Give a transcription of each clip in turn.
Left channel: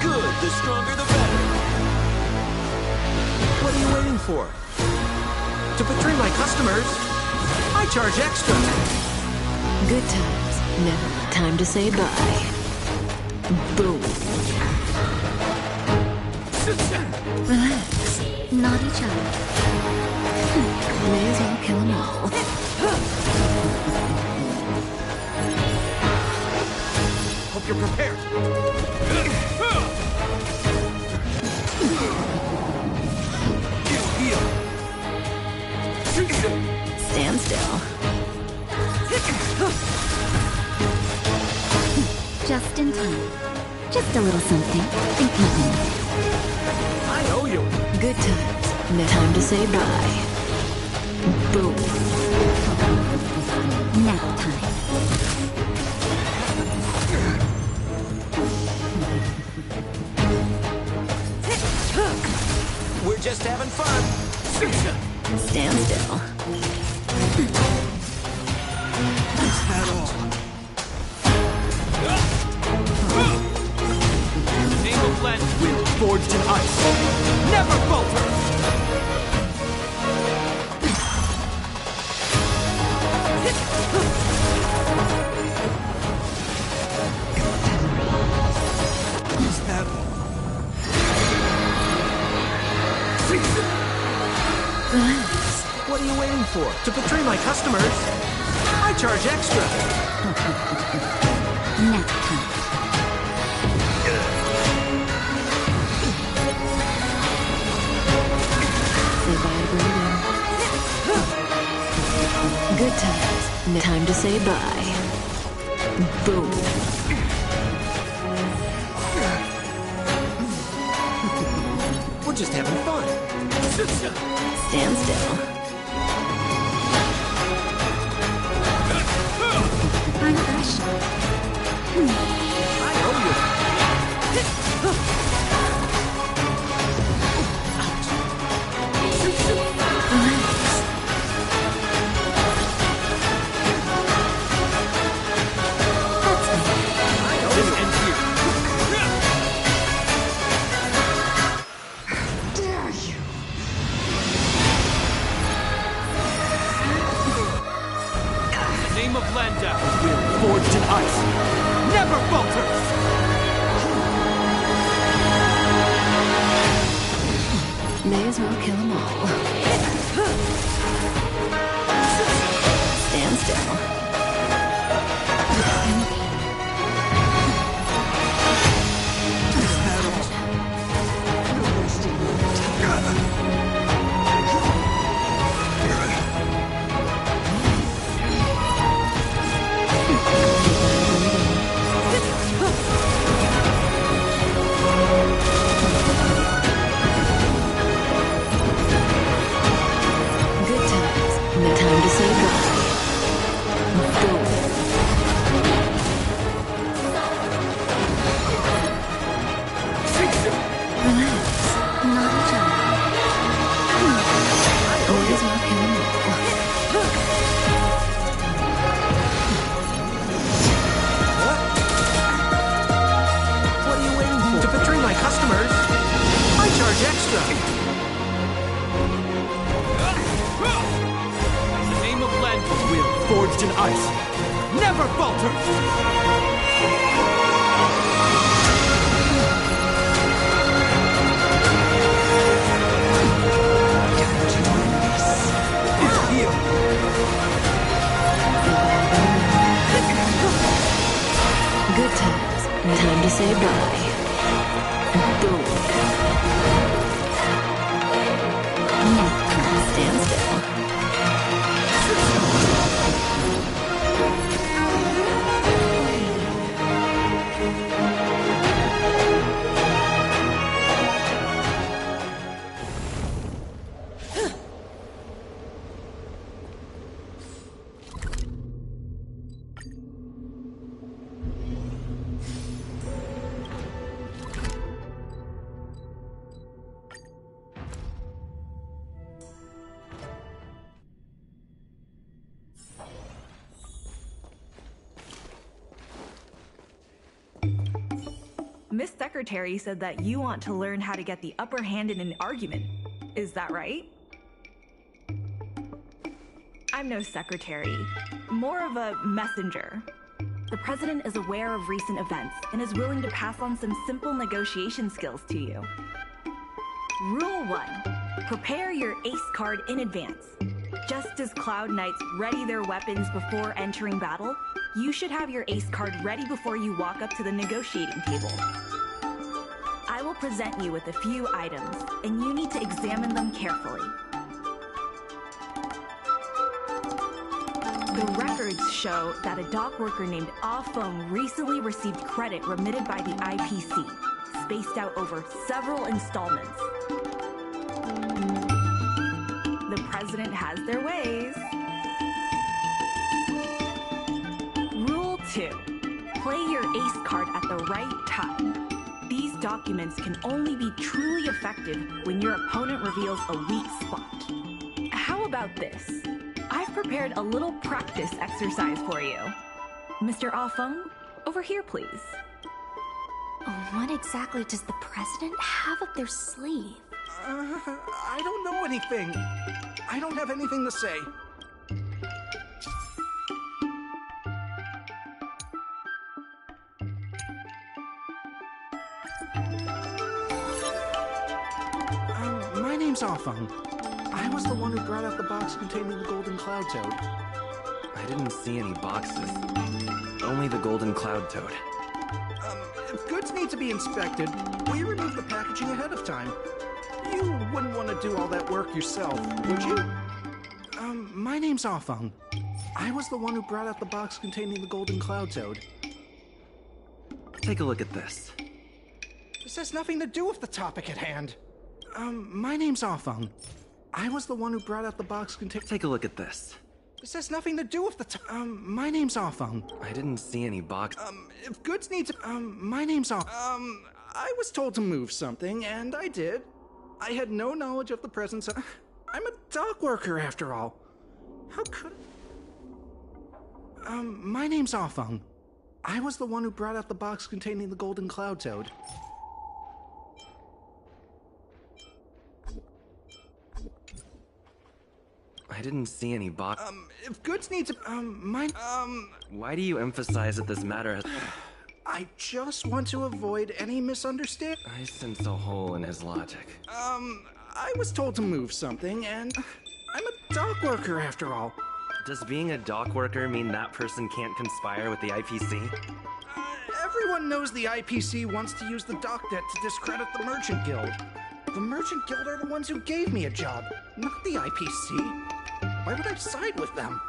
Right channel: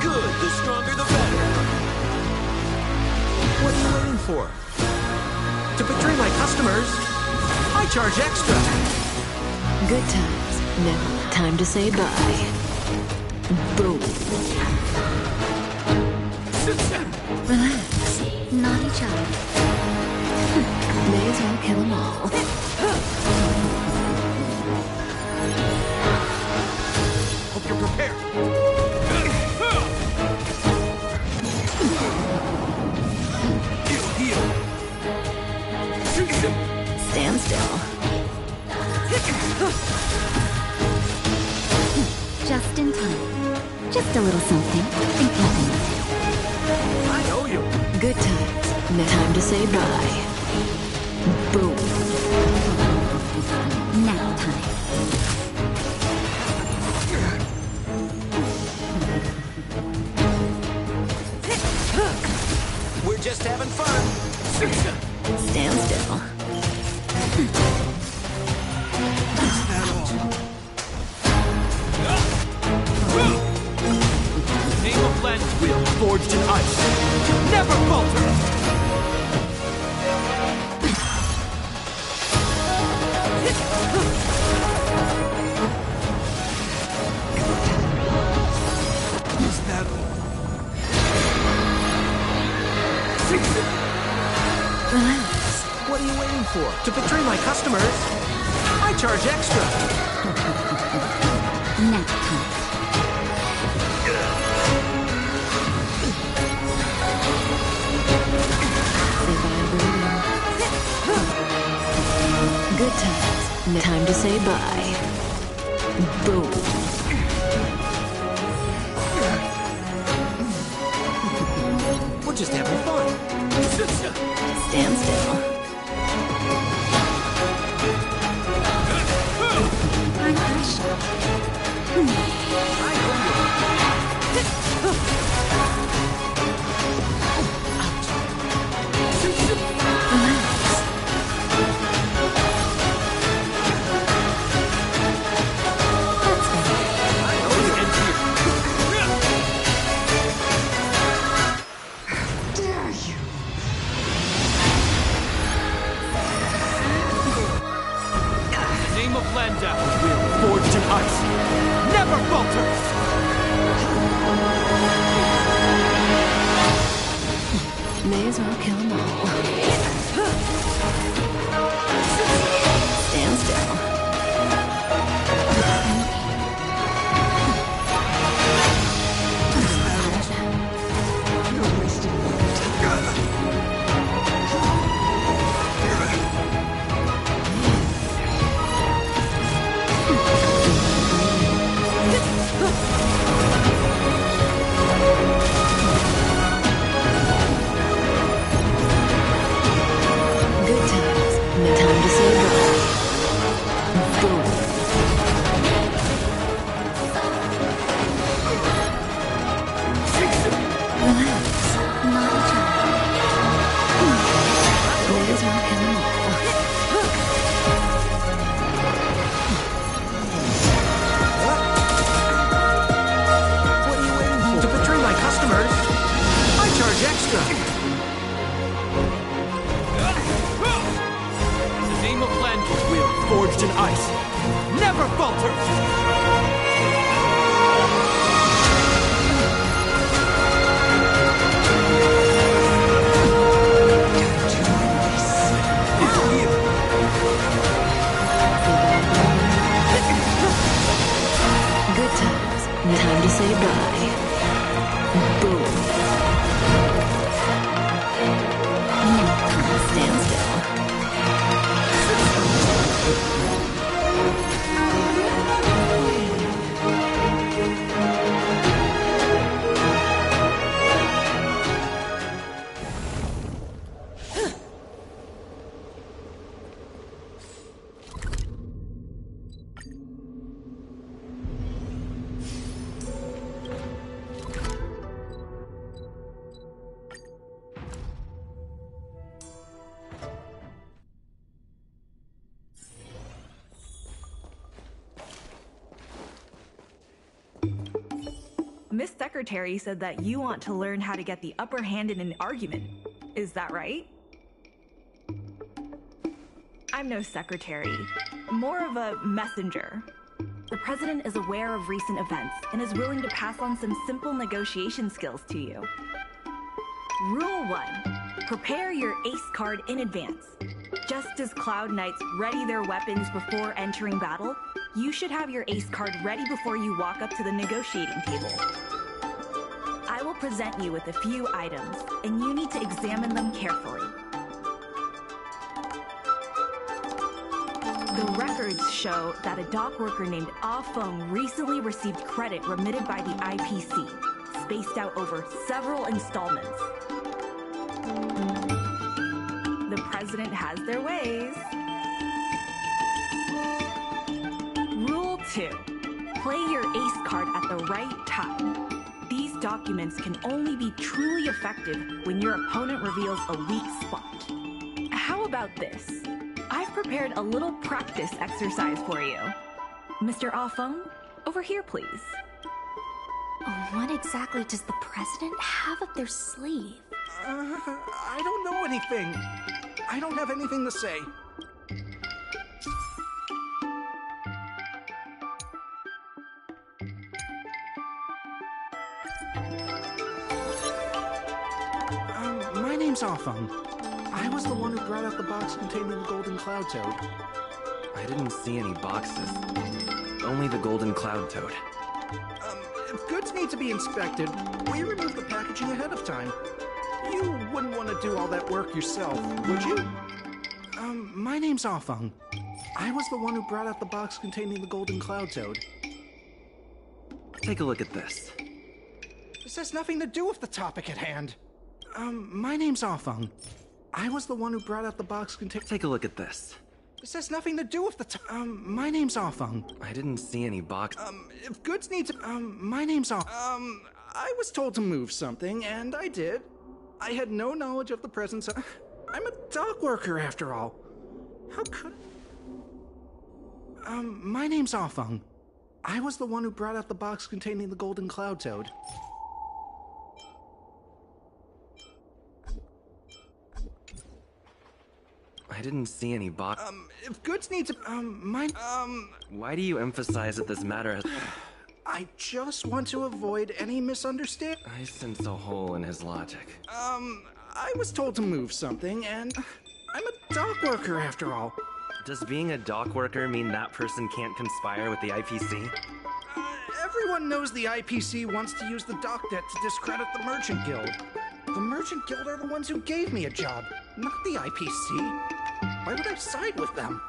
Good, the stronger the better. What are you waiting for? To betray my customers, I charge extra. Good times. Now, time to say bye. Boom. Relax. Not each other. May as well kill them all. Hope you're prepared. Heal. Stand still. Just in time. Just a little something. Think nothing. I owe you. Good times. Now, time to say bye. Boom. Nap time. We're just having fun. Stand still. Is that all? Name of land wheel forged in ice. Never falters! Is that all? Relax. What are you waiting for? To betray my customers, I charge extra. Nap time. Say bye, breathing. Good times. Now, time to say bye. Boom. We're just having fun. Stand still. I'm fresh. I owe you. Relax. That's better. I owe you. Ends here. Dare you? Name of Landau, wheel forged in ice, never falters! May as well kill them all. Stand still. You're wasting my time. Good times. No time to say bye. Boom. Relax. Naughty child. May as well kill them all. What are you waiting for? To betray my customers, I charge extra. In the name of Landfall Wheel, forged in ice, never falters! Time to end this. Heal! Say bye to bye. Good times. No time to say bye. Boom. Now, stand still. Miss Secretary said that you want to learn how to get the upper hand in an argument. Is that right? I'm no secretary, more of a messenger. The president is aware of recent events and is willing to pass on some simple negotiation skills to you. Rule 1. Prepare your ace card in advance. Just as Cloud Knights ready their weapons before entering battle, you should have your ace card ready before you walk up to the negotiating table. I will present you with a few items, and you need to examine them carefully. The records show that a dock worker named Ah Feng recently received credit remitted by the IPC, spaced out over several installments. The president has their ways. Rule 2. Play your ace card at the right time. These documents can only be truly effective when your opponent reveals a weak spot. How about this? I've prepared a little practice exercise for you. Mr. Ah Feng, over here, please. Oh, what exactly does the president have up their sleeve? I don't know anything. I don't have anything to say. My name's Ah Feng. I was the one who brought out the box containing the golden cloud toad. I didn't see any boxes. Only the golden cloud toad. If goods need to be inspected, we remove the packaging ahead of time. You wouldn't want to do all that work yourself, would you? My name's Ah Feng. I was the one who brought out the box containing the golden cloud toad. Take a look at this. This has nothing to do with the topic at hand. My name's Ah Feng. I was the one who brought out the box containing... Take a look at this. This has nothing to do with the my name's Ah Feng. I didn't see any box... If goods need to... my name's Ah... I was told to move something, and I did. I had no knowledge of the presence of... I'm a dock worker, after all. How could... my name's Ah Feng. I was the one who brought out the box containing the golden cloud toad. I didn't see any box... If goods need to... Why do you emphasize that this matter has... I just want to avoid any misunderstanding. I sense a hole in his logic. I was told to move something, and I'm a dock worker after all. Does being a dock worker mean that person can't conspire with the IPC? Everyone knows the IPC wants to use the dock debt to discredit the Merchant Guild. The Merchant Guild are the ones who gave me a job, not the IPC. Why would I side with them?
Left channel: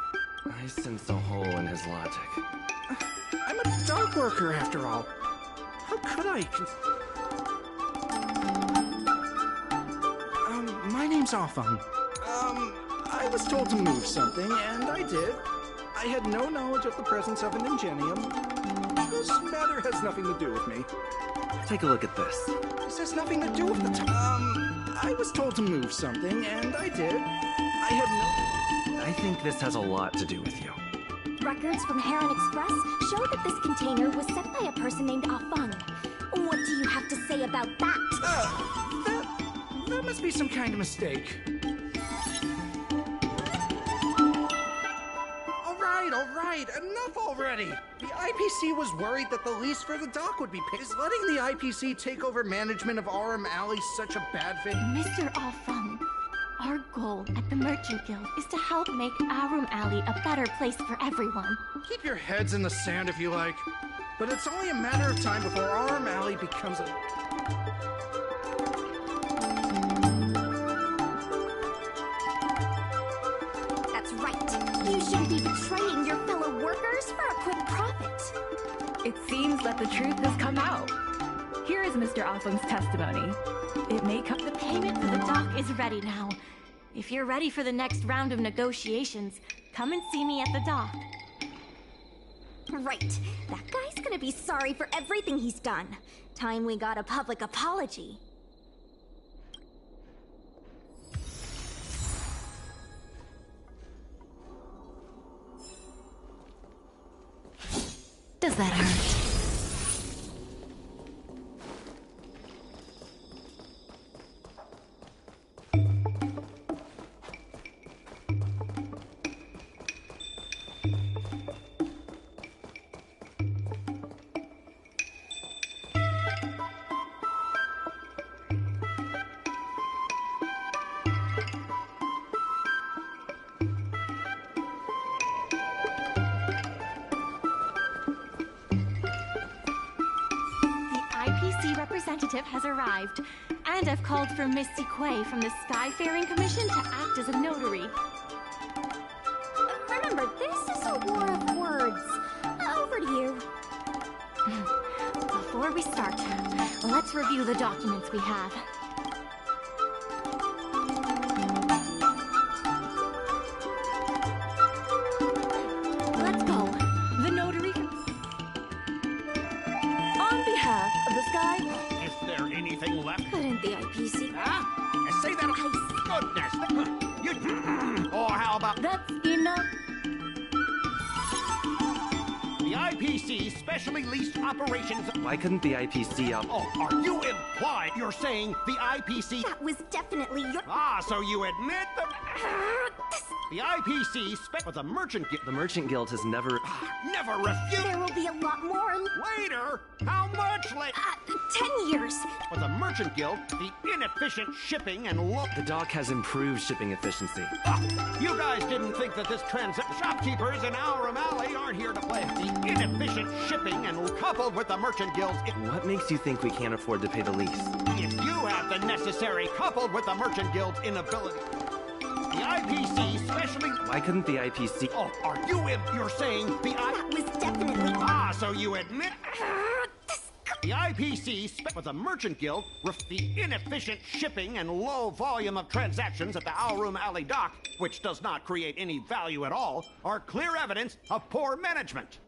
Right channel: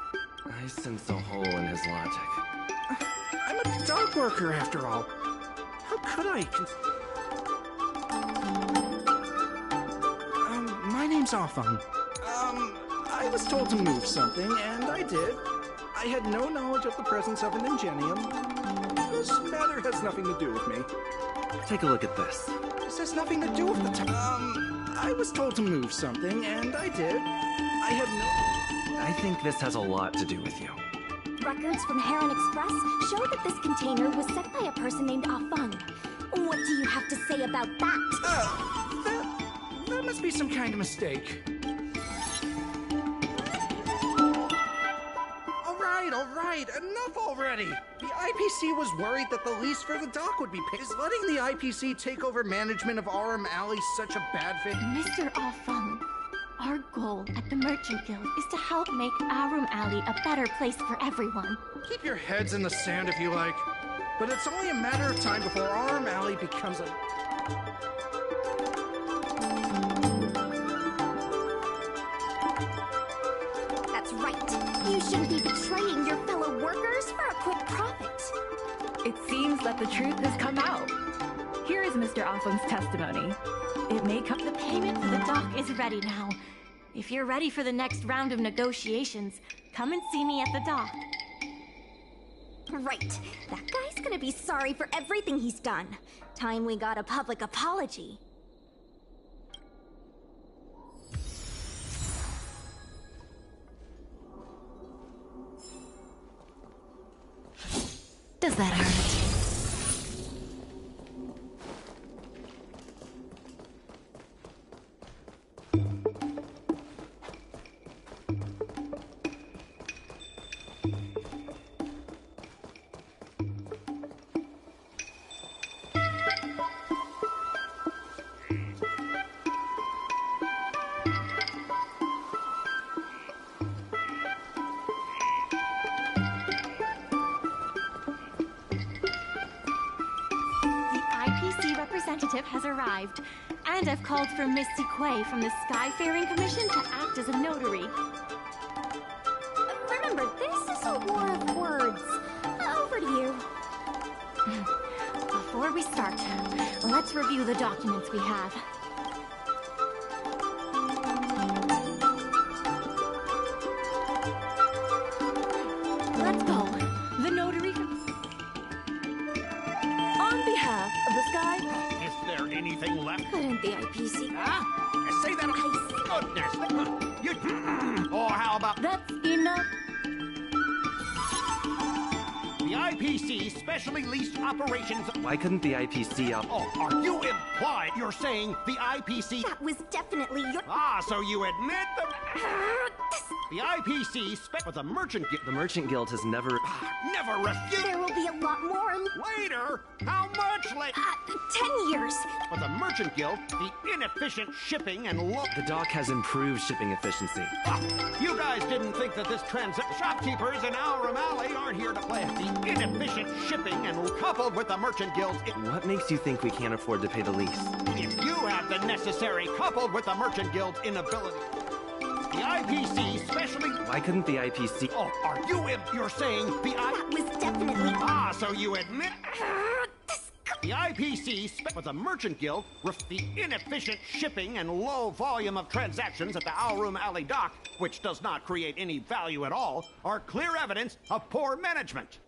I sense a hole in his logic. I'm a dock worker after all. How could I my name's Offung. I was told to move something, and I did. I had no knowledge of the presence of an ingenium. This matter has nothing to do with me. Take a look at this. This has nothing to do with the I was told to move something, and I did. I had no... I think this has a lot to do with you. Records from Heron Express show that this container was sent by a person named Offung. What do you have to say about that? That must be some kind of mistake. All right, enough already! The IPC was worried that the lease for the dock would be paid. Is letting the IPC take over management of Aurum Alley such a bad thing? Mr. Offung, our goal at the Merchant Guild is to help make Aurum Alley a better place for everyone. Keep your heads in the sand if you like. But it's only a matter of time before Aurum Alley becomes a... That's right. You shouldn't be betraying your fellow workers for a quick profit. It seems that the truth has come out. Here is Mr. Offung's testimony. It may come... The payment for the dock is ready now. If you're ready for the next round of negotiations, come and see me at the dock. Right. That guy's gonna be sorry for everything he's done. Time we got a public apology. Does that hurt? IPC representative has arrived, and I've called for Miss Sequay from the Skyfaring Commission to act as a notary. Remember, this is a war of words. Over to you. Before we start, let's review the documents we have. Let's go. The notary... On behalf of the Sky... Is there anything left? Couldn't the IPC... Huh? Say that... Goodness! You... Or how about... That's enough. The IPC specially leased operations... Why couldn't the IPC Oh, are you implied you're saying the IPC... That was definitely your... Ah, so you admit that... The IPC but the Merchant Guild... The Merchant Guild has never... Never refused... There will be a lot more... Later? How much later? 10 years. For the Merchant Guild, the inefficient shipping and The dock has improved shipping efficiency. You guys didn't think that this shopkeepers in Aurum Alley aren't here to play the inefficient shipping and coupled with the Merchant Guild's... What makes you think we can't afford to pay the lease? If you have the necessary coupled with the Merchant Guild's inability... The IPC specially... Why couldn't the IPC... Oh, are you you're saying the That was definitely... Ah, so you admit... The IPC but the Merchant Guild the inefficient shipping and low volume of transactions at the Aurum Alley dock, which does not create any value at all, are clear evidence of poor management.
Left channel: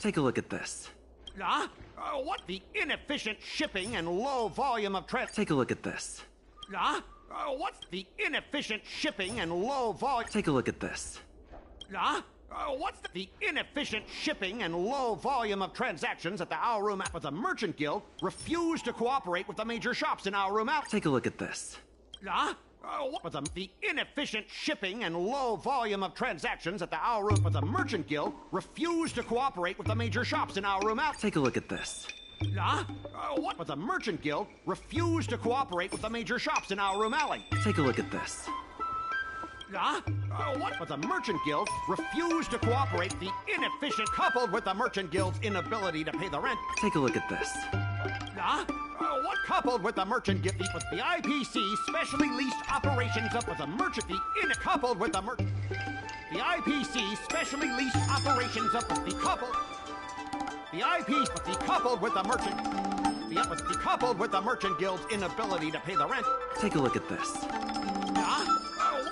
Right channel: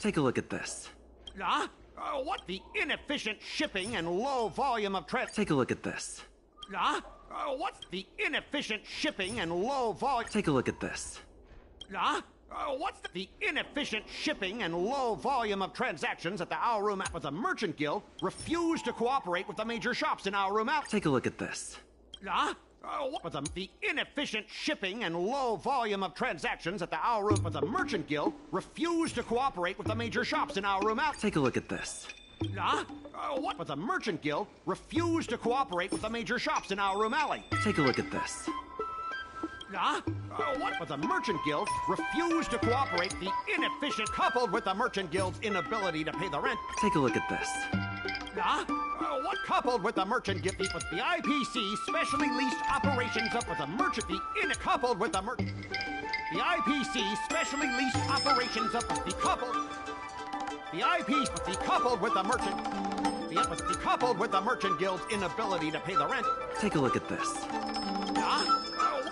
Take a look at this. What? The inefficient shipping and low volume of Take a look at this. What's the inefficient shipping and low volume... Take a look at this. What's the inefficient shipping and low volume of transactions at the Aurum... But the Merchant Guild refused to cooperate with the major shops in Aurum Alley. Take a look at this. But the inefficient shipping and low volume of transactions at the Aurum... But the Merchant Guild refused to cooperate with the major shops in Aurum Alley. Take a look at this. What? But the Merchant Guild refused to cooperate with the major shops in Our Room Alley. Take a look at this. What? But the Merchant Guild refused to cooperate. The inefficient, coupled with the Merchant Guild's inability to pay the rent. Take a look at this. What? Coupled with the Merchant Guild, but the IPC specially leased operations up with the Merchant. Coupled with the Merchant. The IPC specially leased operations up with the coupled. The IP, but the coupled with the Merchant. The coupled with the Merchant Guild's inability to pay the rent. Take a look at this.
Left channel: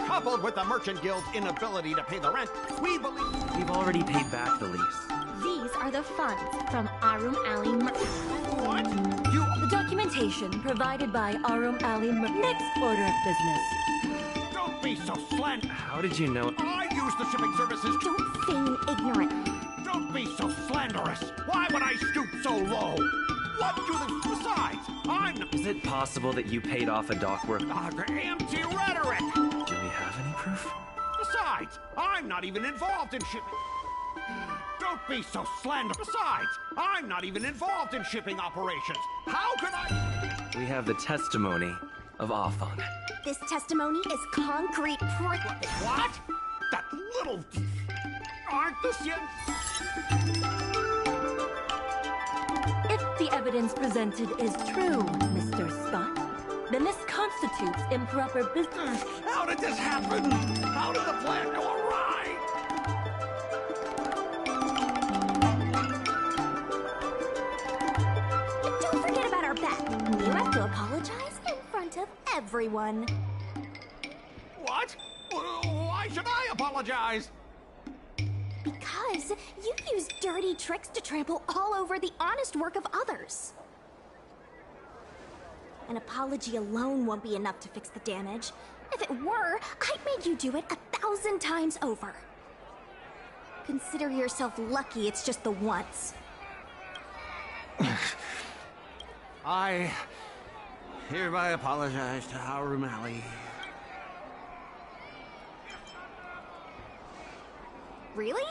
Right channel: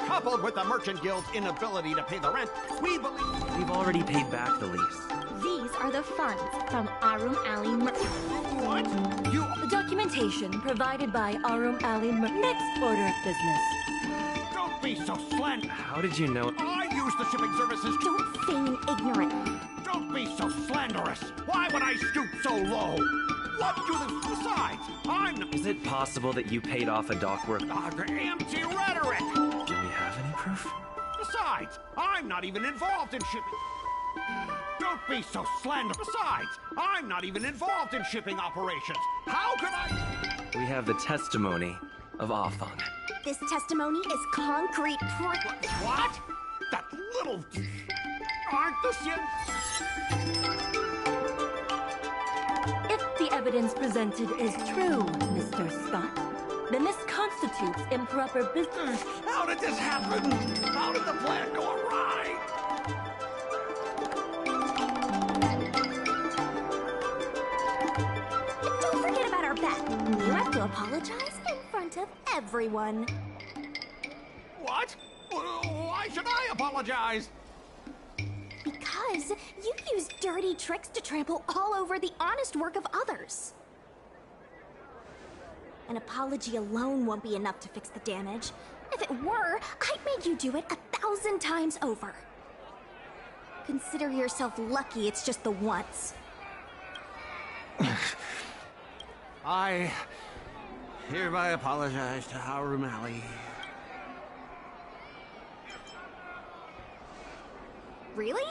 Coupled with the Merchant Guild's inability to pay the rent, we believe... We've already paid back the lease. These are the funds from Arum Alley What? You... The documentation provided by Arum Alley Next order of business. Don't be so slant. How did you know? I use the shipping services. Don't feign ignorant. Don't be so slanderous. Why would I stoop so low? What do the... Besides, I'm not... Is it possible that you paid off a dock work? Empty rhetoric. Do we have any proof? Besides, I'm not even involved in shipping. Don't be so slanderous. Besides, I'm not even involved in shipping operations. How could I... We have the testimony of Afang. This testimony is concrete proof. What? That little... Aren't this yet... If the evidence presented is true, Mr. Scott, then this constitutes improper business. How did this happen? How did the plan go awry? Don't forget about our bet. You have to apologize in front of everyone. What? Why should I apologize? Because you use dirty tricks to trample all over the honest work of others. An apology alone won't be enough to fix the damage. If it were, I'd make you do it 1,000 times over. Consider yourself lucky it's just the once. I hereby apologize to Our Room Alley. Really?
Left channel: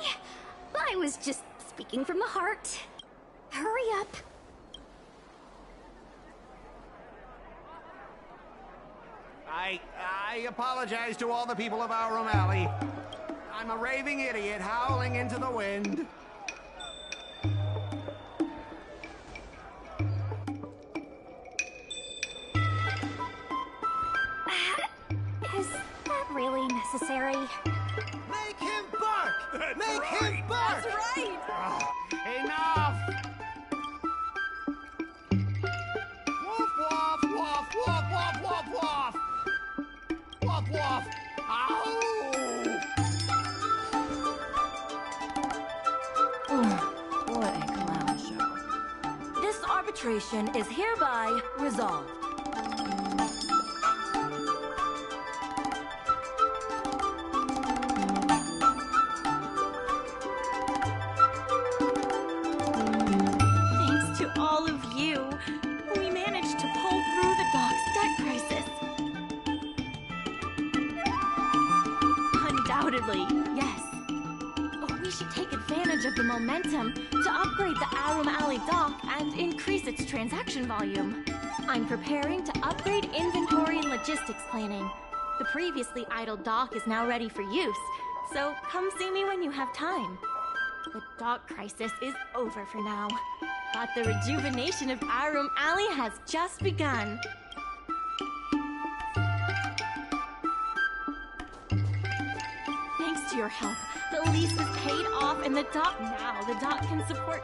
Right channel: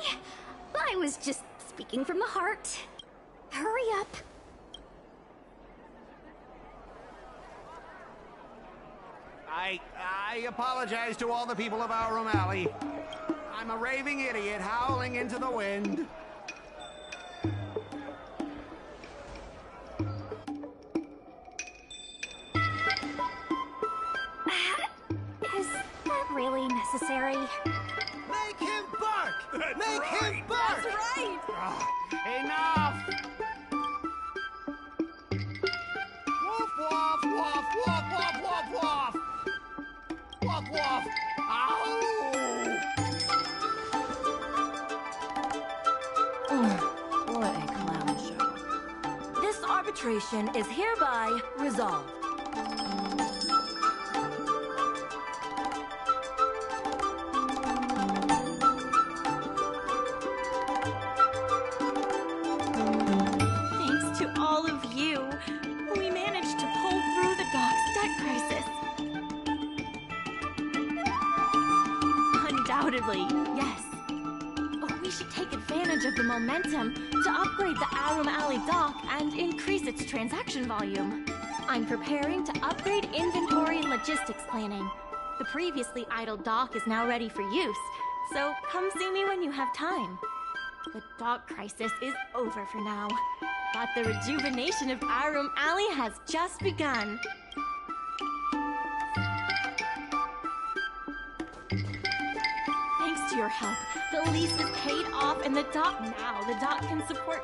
I was just speaking from the heart. Hurry up. I apologize to all the people of Our Room Alley. I'm a raving idiot howling into the wind. Is that really necessary? Make him bark! That's Make right. him bark! That's right! Enough! Woof, woof, woof, woof, woof, woof, woof! Woof, woof! Ow! What a clown show. This arbitration is hereby resolved. Thanks to all of you, we managed to pull through the dock's debt crisis. Undoubtedly, yes. We should take advantage of the momentum to upgrade the Arum Alley dock and increase its transaction volume. I'm preparing to upgrade inventory and logistics planning. The previously idle dock is now ready for use, so come see me when you have time. The dock crisis is over for now, but the rejuvenation of Arum Alley has just begun. Thanks to your help, the lease was paid off and the dock can support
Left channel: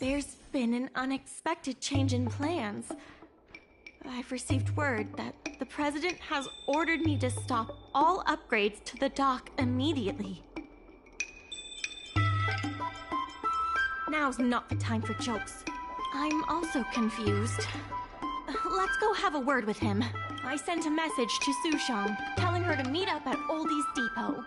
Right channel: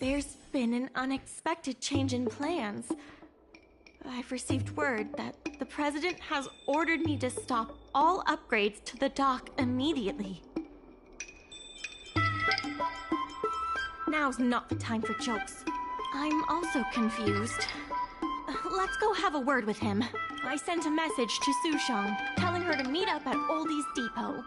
There's been an unexpected change in plans. I've received word that the President has ordered me to stop all upgrades to the dock immediately. Now's not the time for jokes. I'm also confused. Let's go have a word with him. I sent a message to Sushang, telling her to meet up at Oldie's Depot.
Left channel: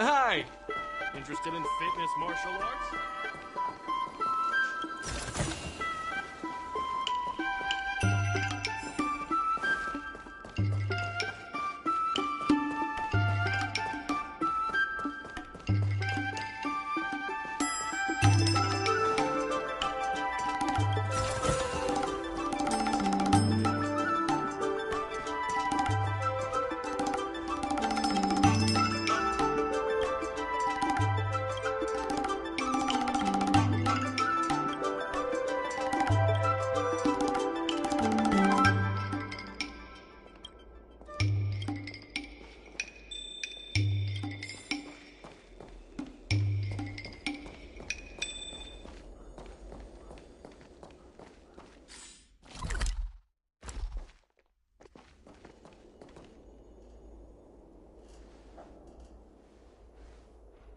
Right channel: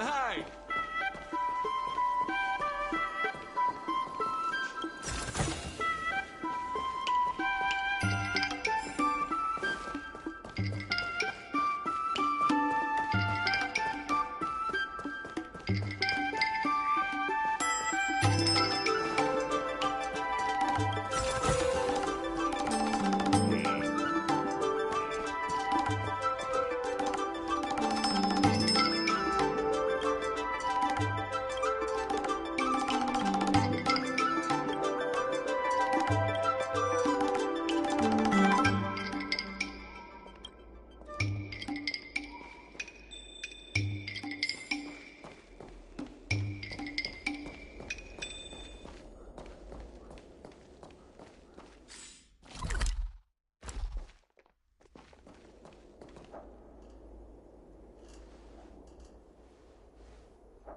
Hi! Interested in fitness martial arts?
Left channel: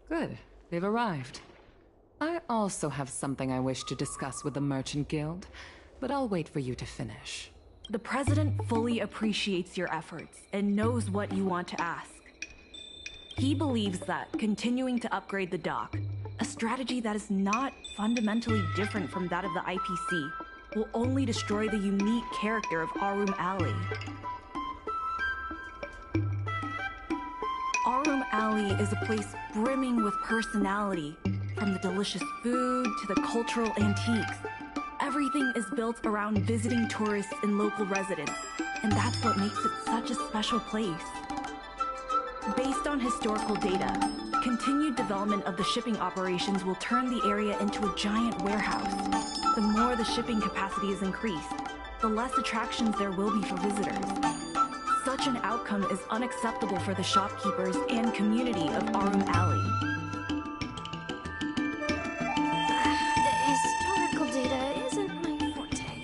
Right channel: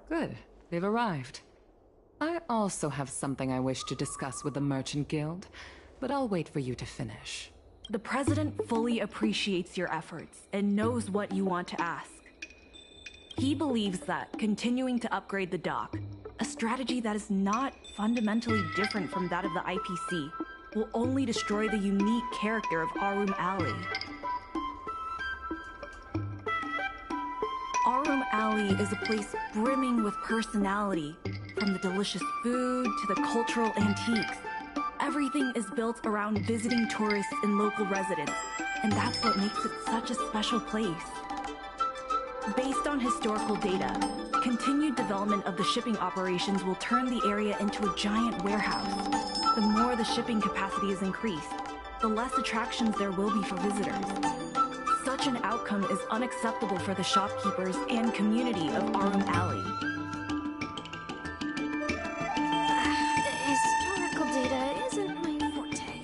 Good. they've arrived. I also have something I wish to discuss with the Merchant Guild, but I'll wait for you to finish. The President fully appreciates your efforts and knows what you want to ask. He believes that continuing to upgrade the dock, a strategy that is not fundamentally different from that of the IPC, will only destroy the unique character of Arum Alley. Arum Alley is a place brimming with personality, from the delicious food to the cultural antiques. Everything is built around visiting tourists and local residents, and that's what makes it such a special place. Based on historical data, continued development of the shipping operations will turn the area into a giant warehouse. The more the shipping capacity is increased, the less attractions there will be for visitors. Such an outcome is unacceptable for the shopkeepers and community of Arum Alley. Historical data isn't my forte.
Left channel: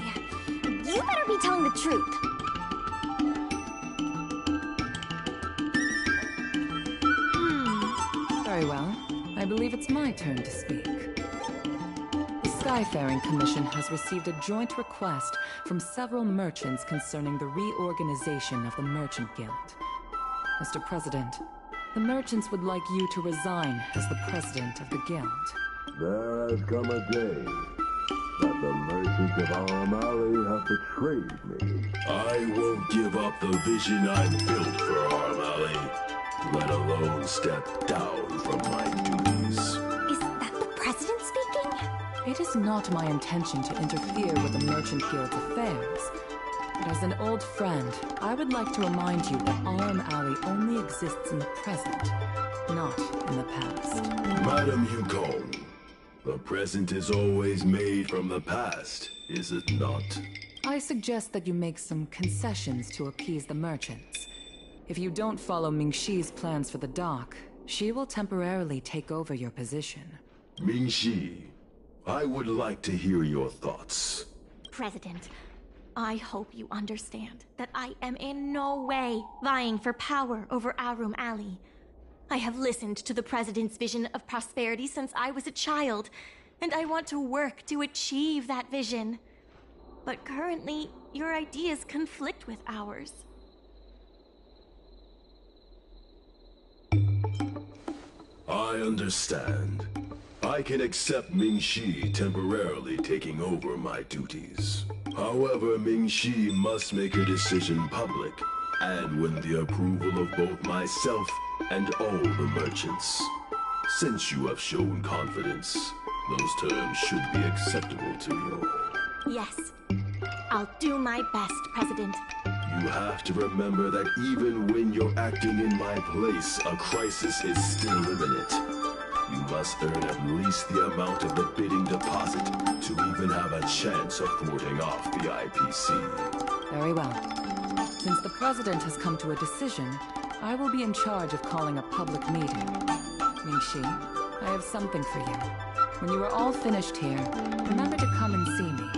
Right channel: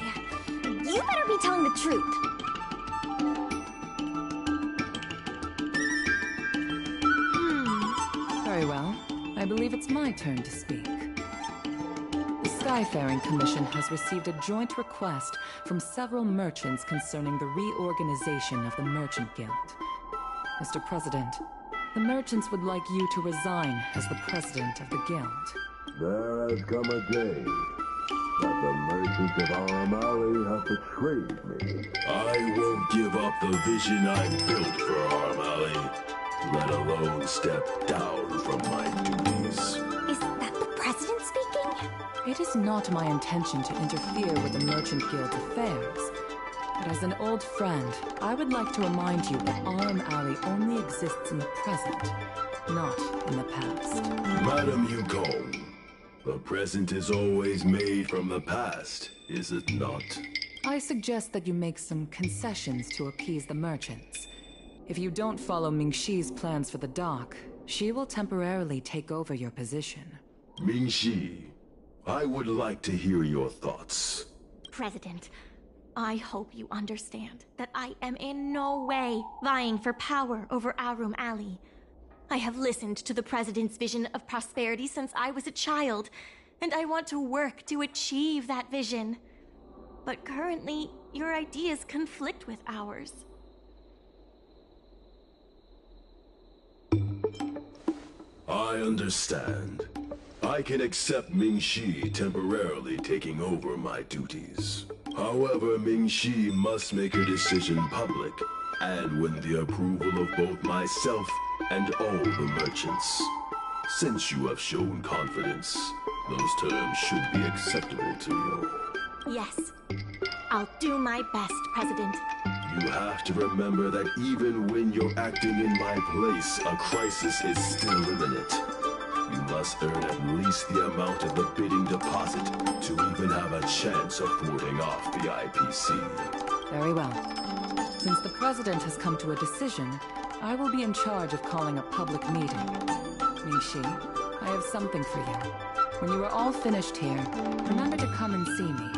You better be telling the truth. Very well. I believe it's my turn to speak. The Skyfaring Commission has received a joint request from several merchants concerning the reorganization of the Merchant Guild. Mr. President, the merchants would like you to resign as the president of the guild. There has come a day that the merchants of Arum Alley have betrayed me. I won't give up the vision I built for Arum Alley, let alone step down from my duties. Is that the president speaking? It is not my intention to interfere with the Merchant Guild's affairs. But as an old friend, I would like to remind you that Arum Alley only exists in the present, not in the past. Madam Yukong, the present is always made from the past, is it not? I suggest that you make some concessions to appease the merchants. If you don't follow Mingxi's plans for the dock, she will temporarily take over your position. Mingxi, I would like to hear your thoughts. President, I hope you understand that I am in no way vying for power over Arum Alley. I have listened to the President's vision of prosperity since I was a child, and I want to work to achieve that vision. But currently, your ideas conflict with ours. I understand. I can accept Mingxi temporarily taking over my duties. However, Mingxi must make her decision public, and win the approval of both myself and all the merchants. Since you have shown confidence, those terms should be acceptable to you. Yes. I'll do my best, President. You have to remember that even when you're acting in my place, a crisis is still imminent. You must earn at least the amount of the bidding deposit to even have a chance of thwarting off the IPC. Very well. Since the President has come to a decision, I will be in charge of calling a public meeting. Mingxi, I have something for you. When you are all finished here, remember to come and see me.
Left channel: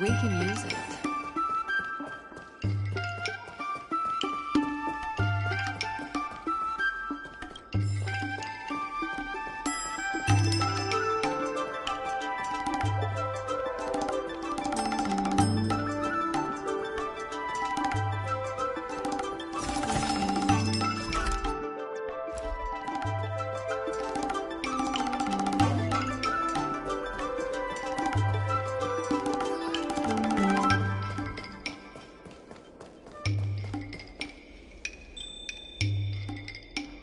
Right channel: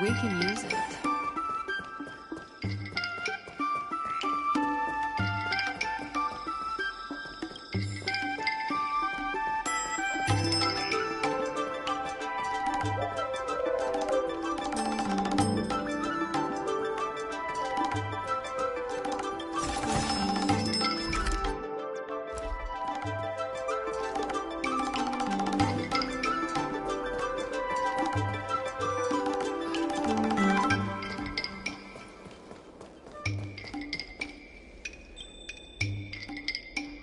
We can use it.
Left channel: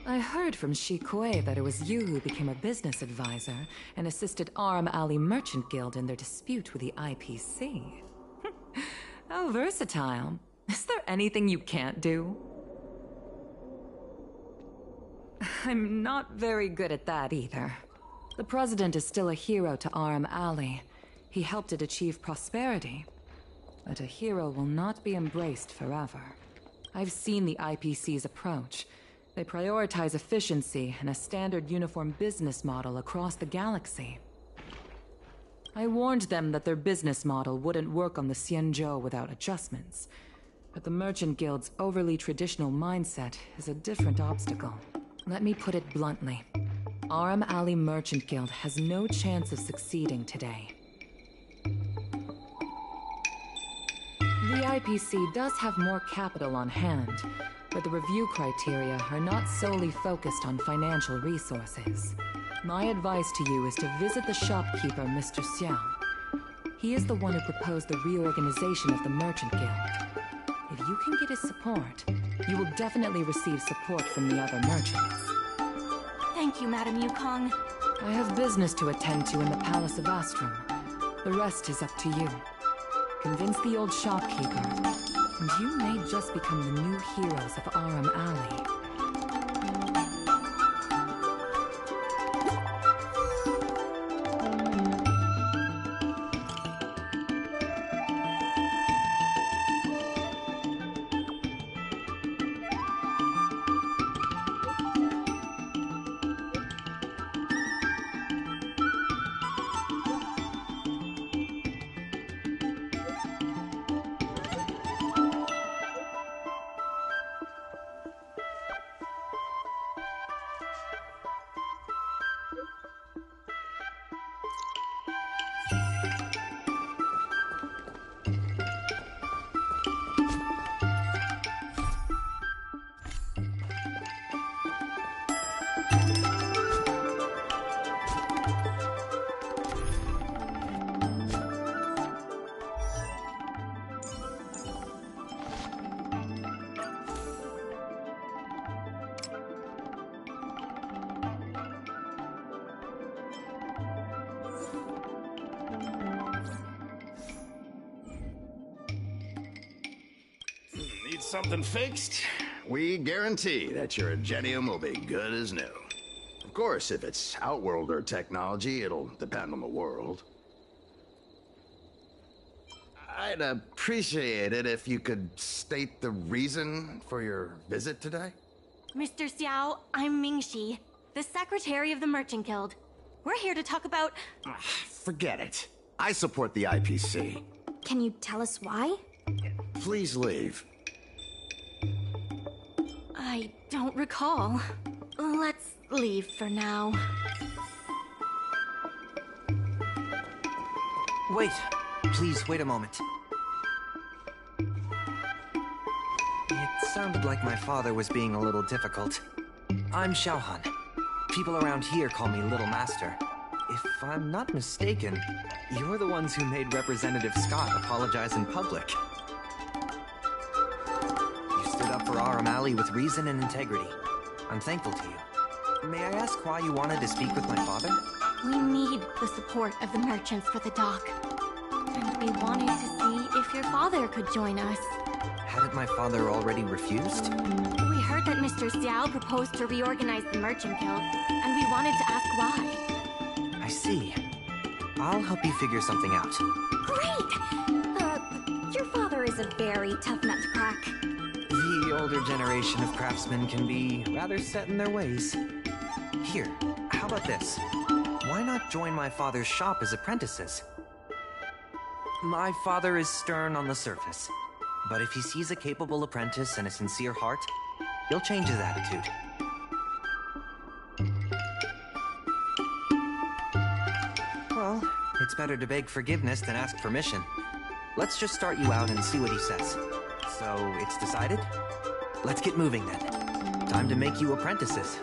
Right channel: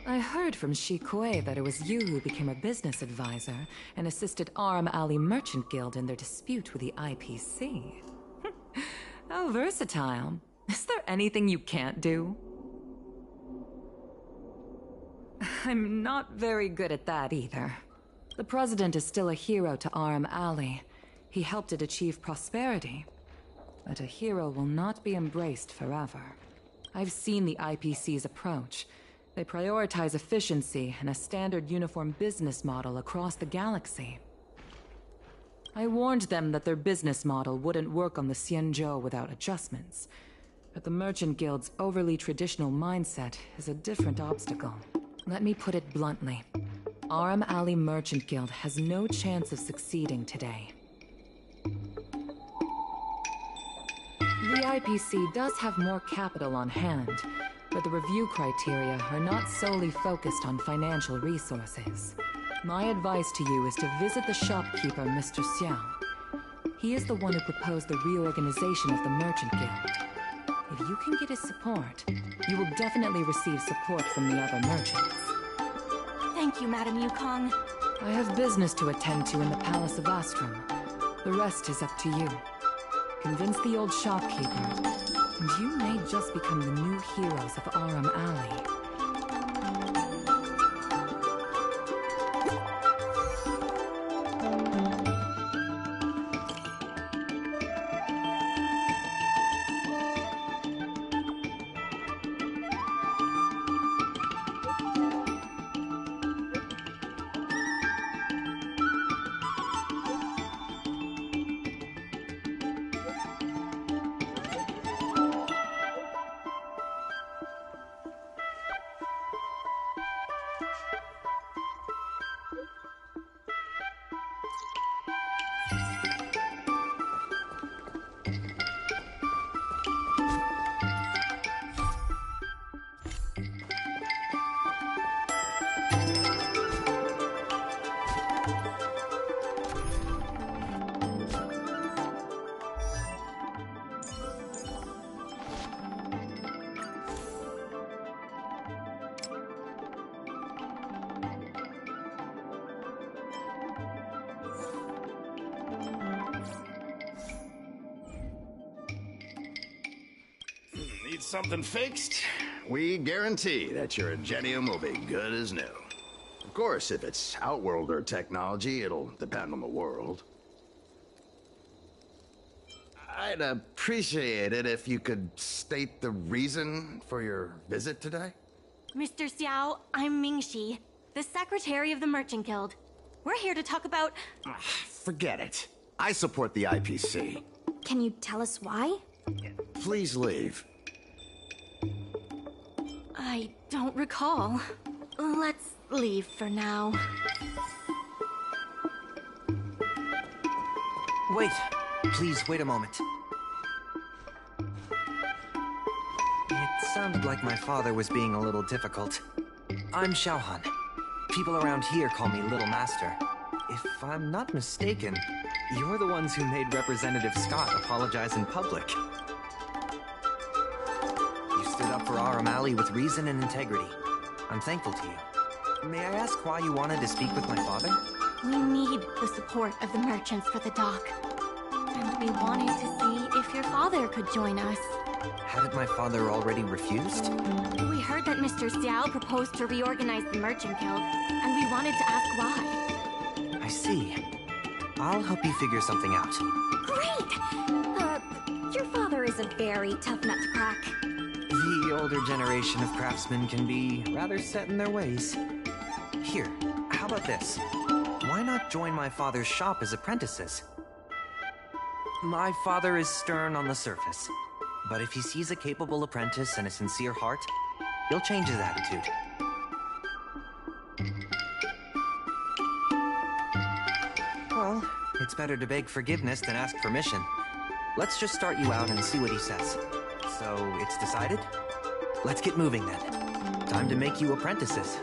I heard from Shikue that it was you who became a business advisor and assisted Arum Alley Merchant Guild in their dispute with the IPC. How versatile. Is there anything you can't do? I'm not very good at that either. The President is still a hero to Aram Alley. He helped it achieve prosperity. But a hero will not be embraced forever. I've seen the IPC's approach. They prioritize efficiency and a standard uniform business model across the galaxy. I warned them that their business model wouldn't work on the Xianzhou without adjustments. But the Merchant Guild's overly traditional mindset is a different obstacle. Let me put it bluntly. Aram Alley Merchant Guild has no chance of succeeding today. The IPC does have more capital on hand, but the review criteria are not solely focused on financial resources. My advice to you is to visit the shopkeeper, Mr. Xiao. He is the one who proposed the reorganization of the Merchant Guild. If you can get his support, you will definitely receive support from the other merchants. Thank you, Madam Yukong. I have business to attend to in the Palace of Astrum. The rest is up to you. Convince the old shopkeeper, and you may just become the new heroes of Aram Alley. Need something fixed? We guarantee that your Ingenium will be good as new. Of course, if it's Outworlder technology, it'll depend on the world. I'd appreciate it if you could state the reason for your visit today. Mr. Xiao, I'm Mingxi, the secretary of the Merchant Guild. We're here to talk about... Forget it. I support the IPC. Can you tell us why? Please leave. I don't recall. Let's leave for now. Wait. Please, wait a moment. It sounded like my father was being a little difficult. I'm Xiaohan. People around here call me Little Master. If I'm not mistaken, you're the ones who made Representative Scott apologize in public. You stood up for Aram Alley with reason and integrity. I'm thankful to you. May I ask why you wanted to speak with my father? We need the support of the merchants for the dock. And we wanted to see if your father could join us. Hadn't my father already refused? We heard that Mr. Xiao proposed to reorganize the Merchant Guild, and we wanted to ask why. I see. I'll help you figure something out. Great! Your father is a very tough nut to crack. The older generation of craftsmen can be rather set in their ways. Here, how about this? Why not join my father's shop as apprentices? My father is stern on the surface, but if he sees a capable apprentice and a sincere heart, he'll change his attitude. Well, it's better to beg forgiveness than ask permission. Let's just start you out and see what he says. So, it's decided? Let's get moving then. Time to make you apprentices.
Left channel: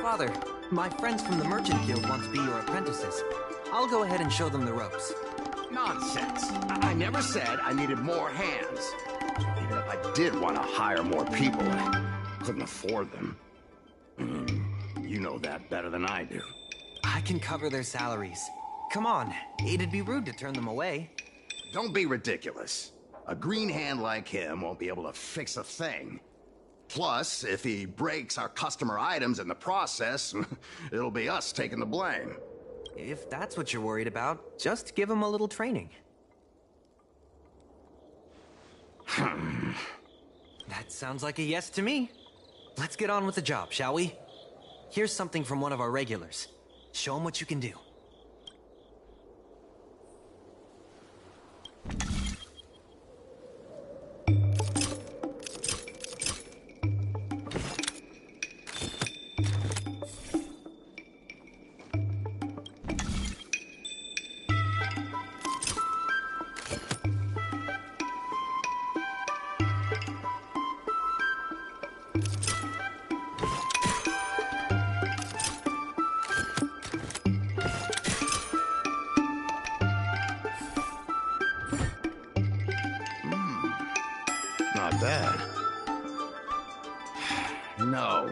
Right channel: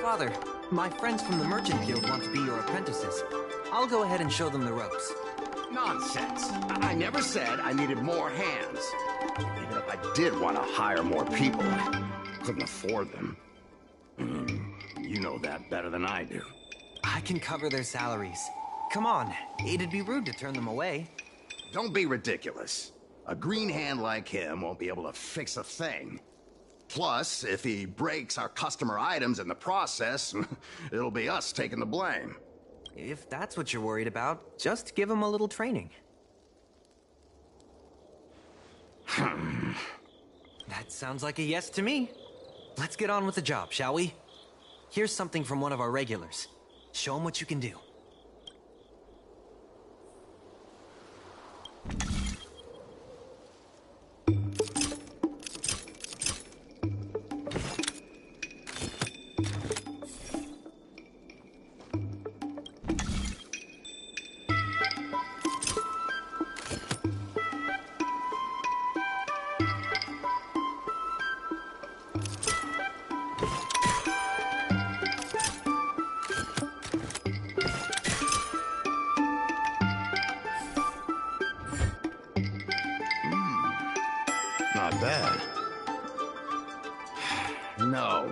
Father, my friends from the Merchant Guild want to be your apprentices. I'll go ahead and show them the ropes. Nonsense. I never said I needed more hands. Even if I did want to hire more people, I couldn't afford them. You know that better than I do. I can cover their salaries. Come on, it'd be rude to turn them away. Don't be ridiculous. A green hand like him won't be able to fix a thing. Plus, if he breaks our customer items in the process, it'll be us taking the blame. If that's what you're worried about, just give him a little training. That sounds like a yes to me. Let's get on with the job, shall we? Here's something from one of our regulars. Show him what you can do. Not bad. No.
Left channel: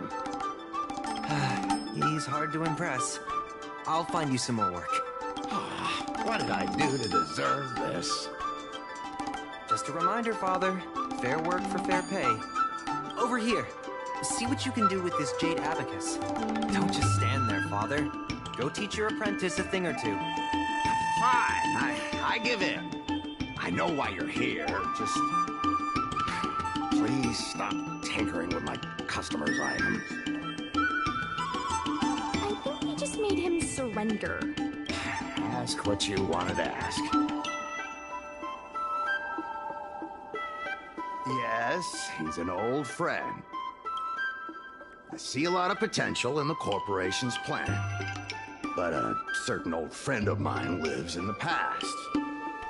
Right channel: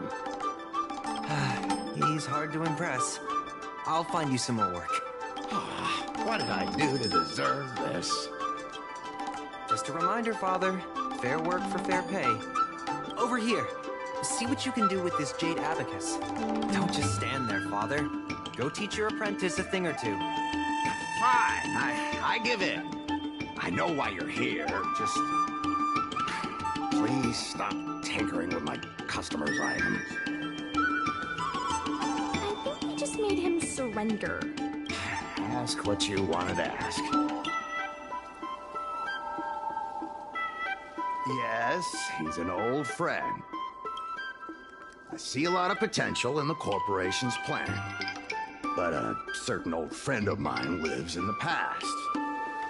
He's hard to impress. I'll find you some more work. What did I do to deserve this? Just a reminder, Father. Fair work for fair pay. Over here. See what you can do with this jade abacus. Don't just stand there, Father. Go teach your apprentice a thing or two. Fine. I give in. I know why you're here. Just... please stop tinkering with my customers' items. I think we just made him surrender. Ask what you wanted to ask. Yes, he's an old friend. I see a lot of potential in the corporation's plan. But a certain old friend of mine lives in the past.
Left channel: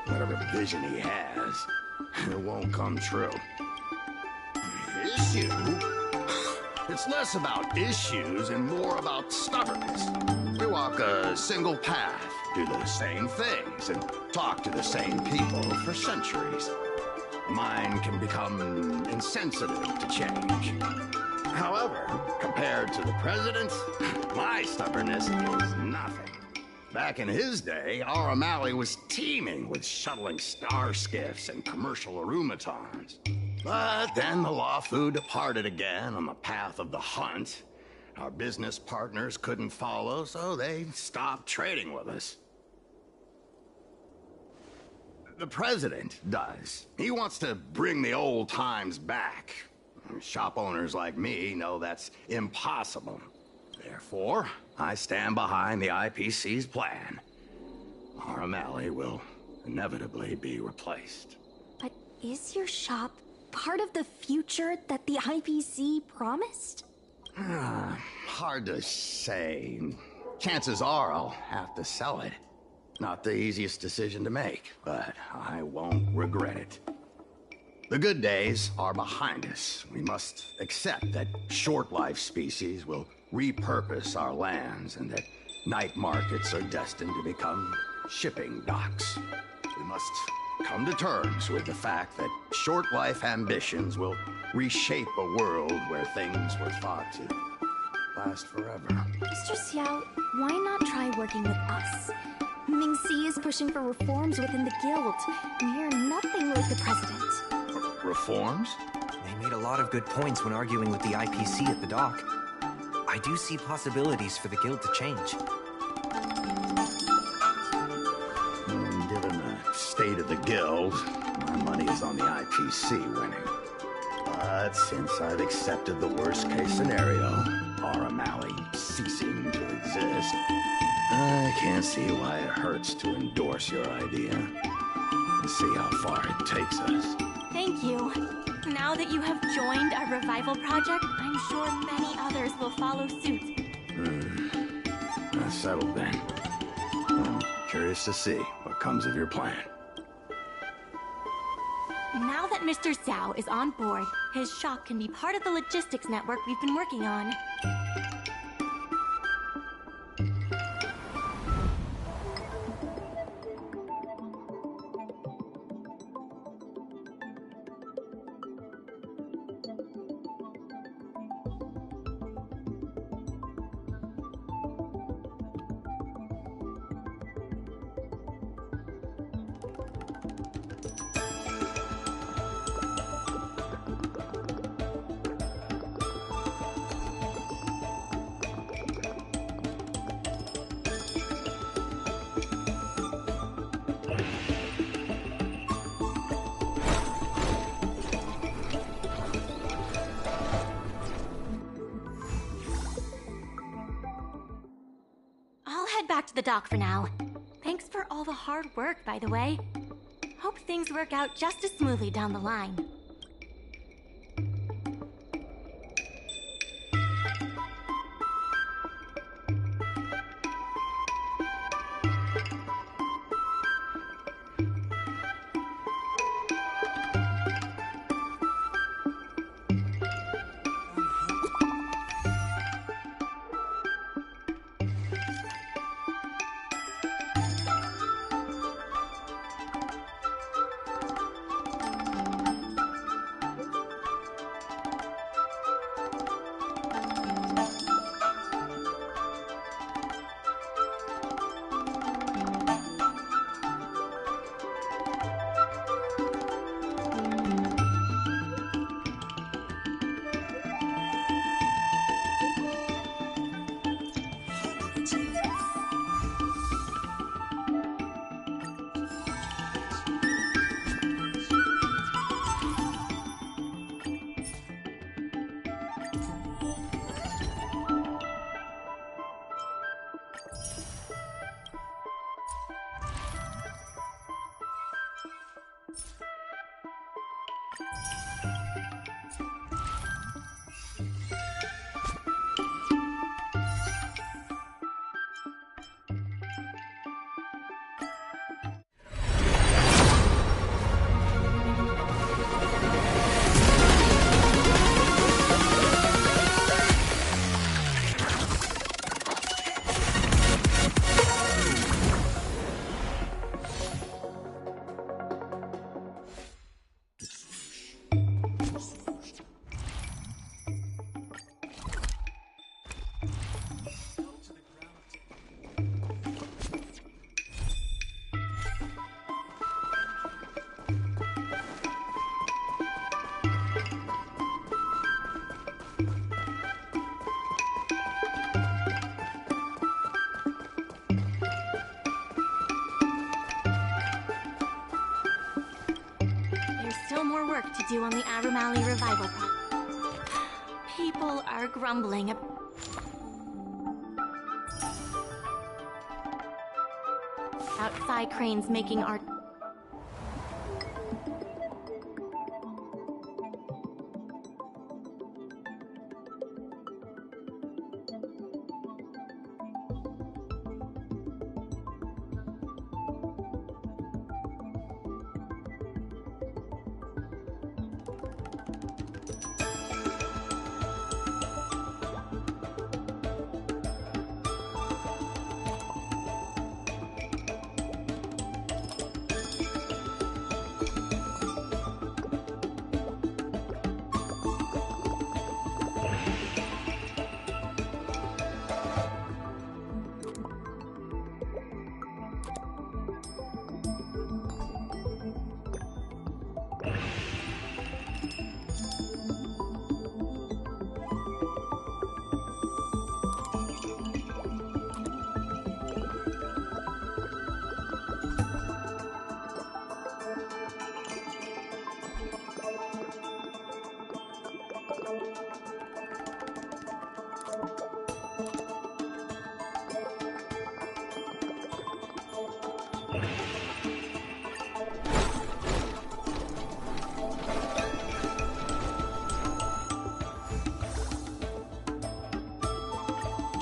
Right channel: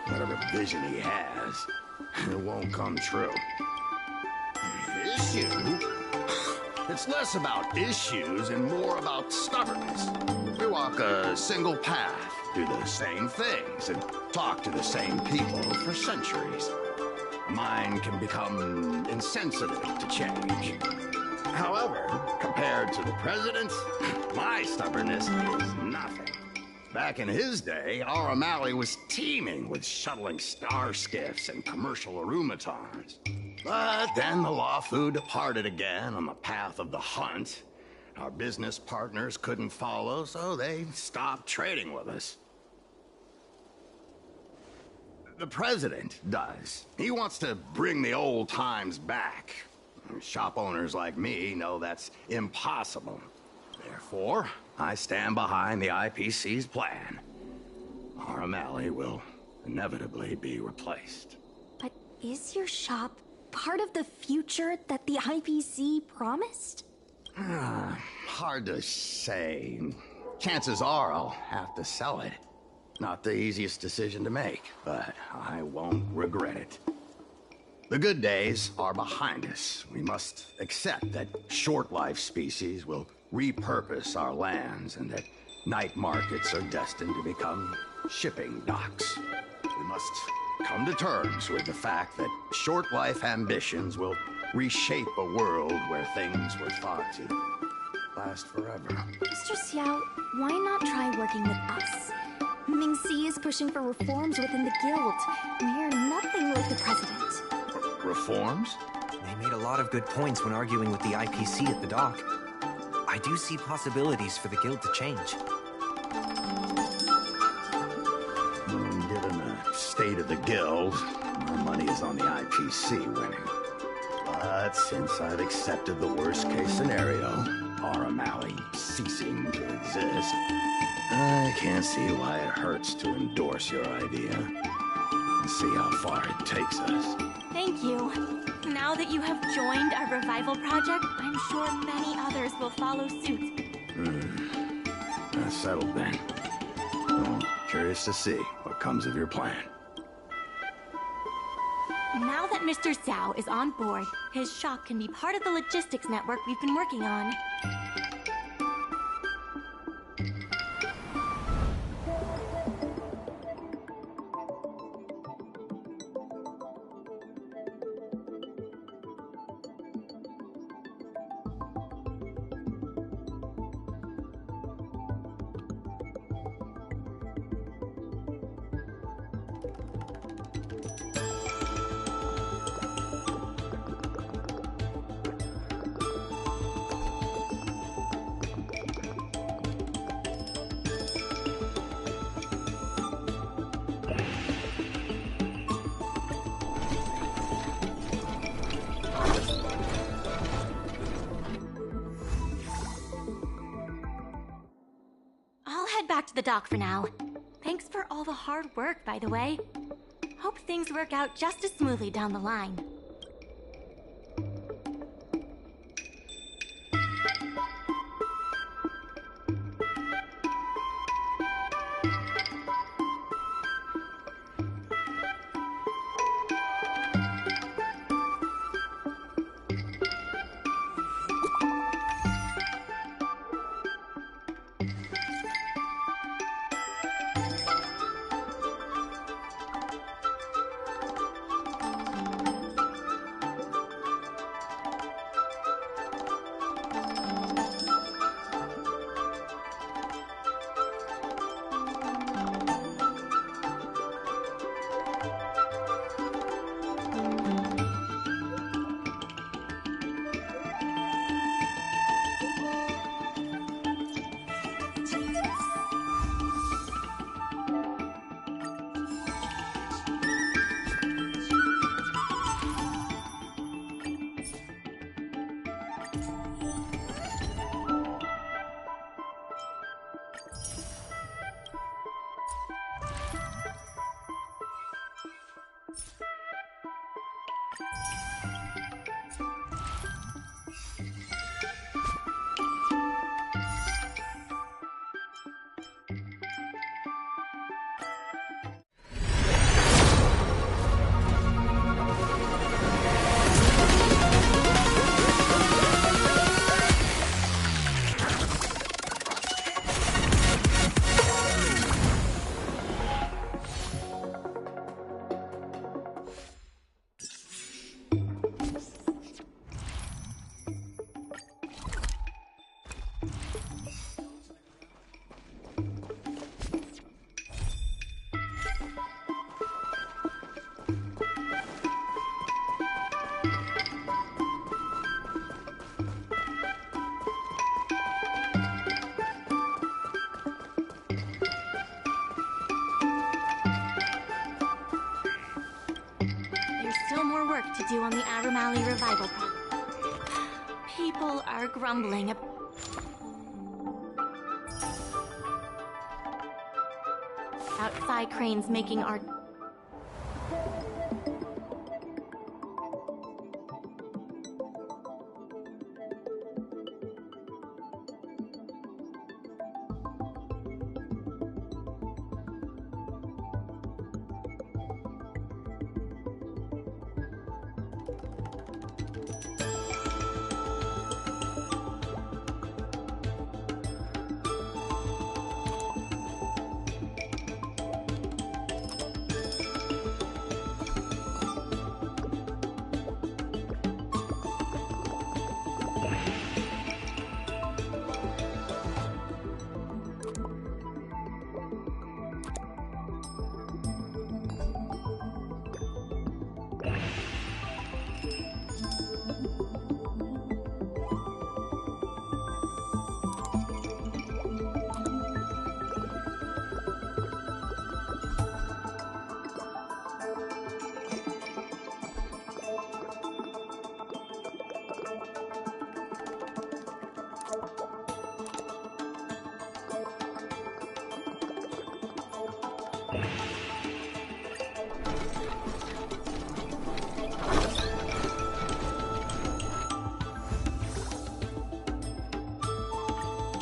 Whatever vision he has, it won't come true. Issue? It's less about issues and more about stubbornness. We walk a single path, do the same things, and talk to the same people for centuries. Mind can become insensitive to change. However, compared to the president, my stubbornness is nothing. Back in his day, our O'Malley was teeming with shuttling star skiffs and commercial automatons. But then the Lawfu departed again on the path of the hunt. Our business partners couldn't follow, so they stopped trading with us. The president does. He wants to bring the old times back. Shop owners like me know that's impossible. Therefore, I stand behind the IPC's plan. Our O'Malley will inevitably be replaced. But is your shop part of the future that the IPC promised? Hard to say. Chances are I'll have to sell it. Not the easiest decision to make, but I won't regret it. The good days are behind us. We must accept that short-life species will repurpose our lands and that night markets are destined to become shipping docks. We must come to terms with the fact that short-life ambitions will reshape a world where things were thought to last forever. Mr. Xiao, why not try working with us? Ming-Si is pushing for reforms within the guild. We are nothing like the president. Reforms? They made a lot of good points when arguing with the IPC at the dock. I do see possibilities for the guild to change. Given the state of the guild, my money is on the IPC winning. But since I've accepted the worst-case scenario, our O'Malley ceasing to exist, I can't see why it hurts to endorse your idea. Let's see how far it takes us. Thank you. Now that you have joined our revival project, I'm sure many others will follow suit. That's settled then. I'm curious to see what comes of your plan. Now that Mr. Xiao is on board, his shop can be part of the logistics network we've been working on. head back to the dock for now. Thanks for all the hard work, by the way. Hope things work out just as smoothly down the line. Still more work to do on the Arum Alley revival project. People are grumbling. Outside cranes making art.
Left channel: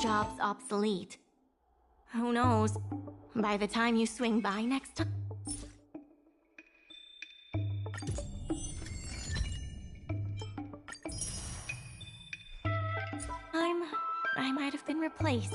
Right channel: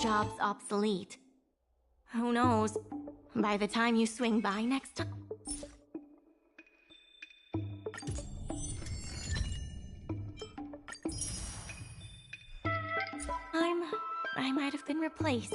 Job's obsolete. Who knows? By the time you swing by next time... I might have been replaced.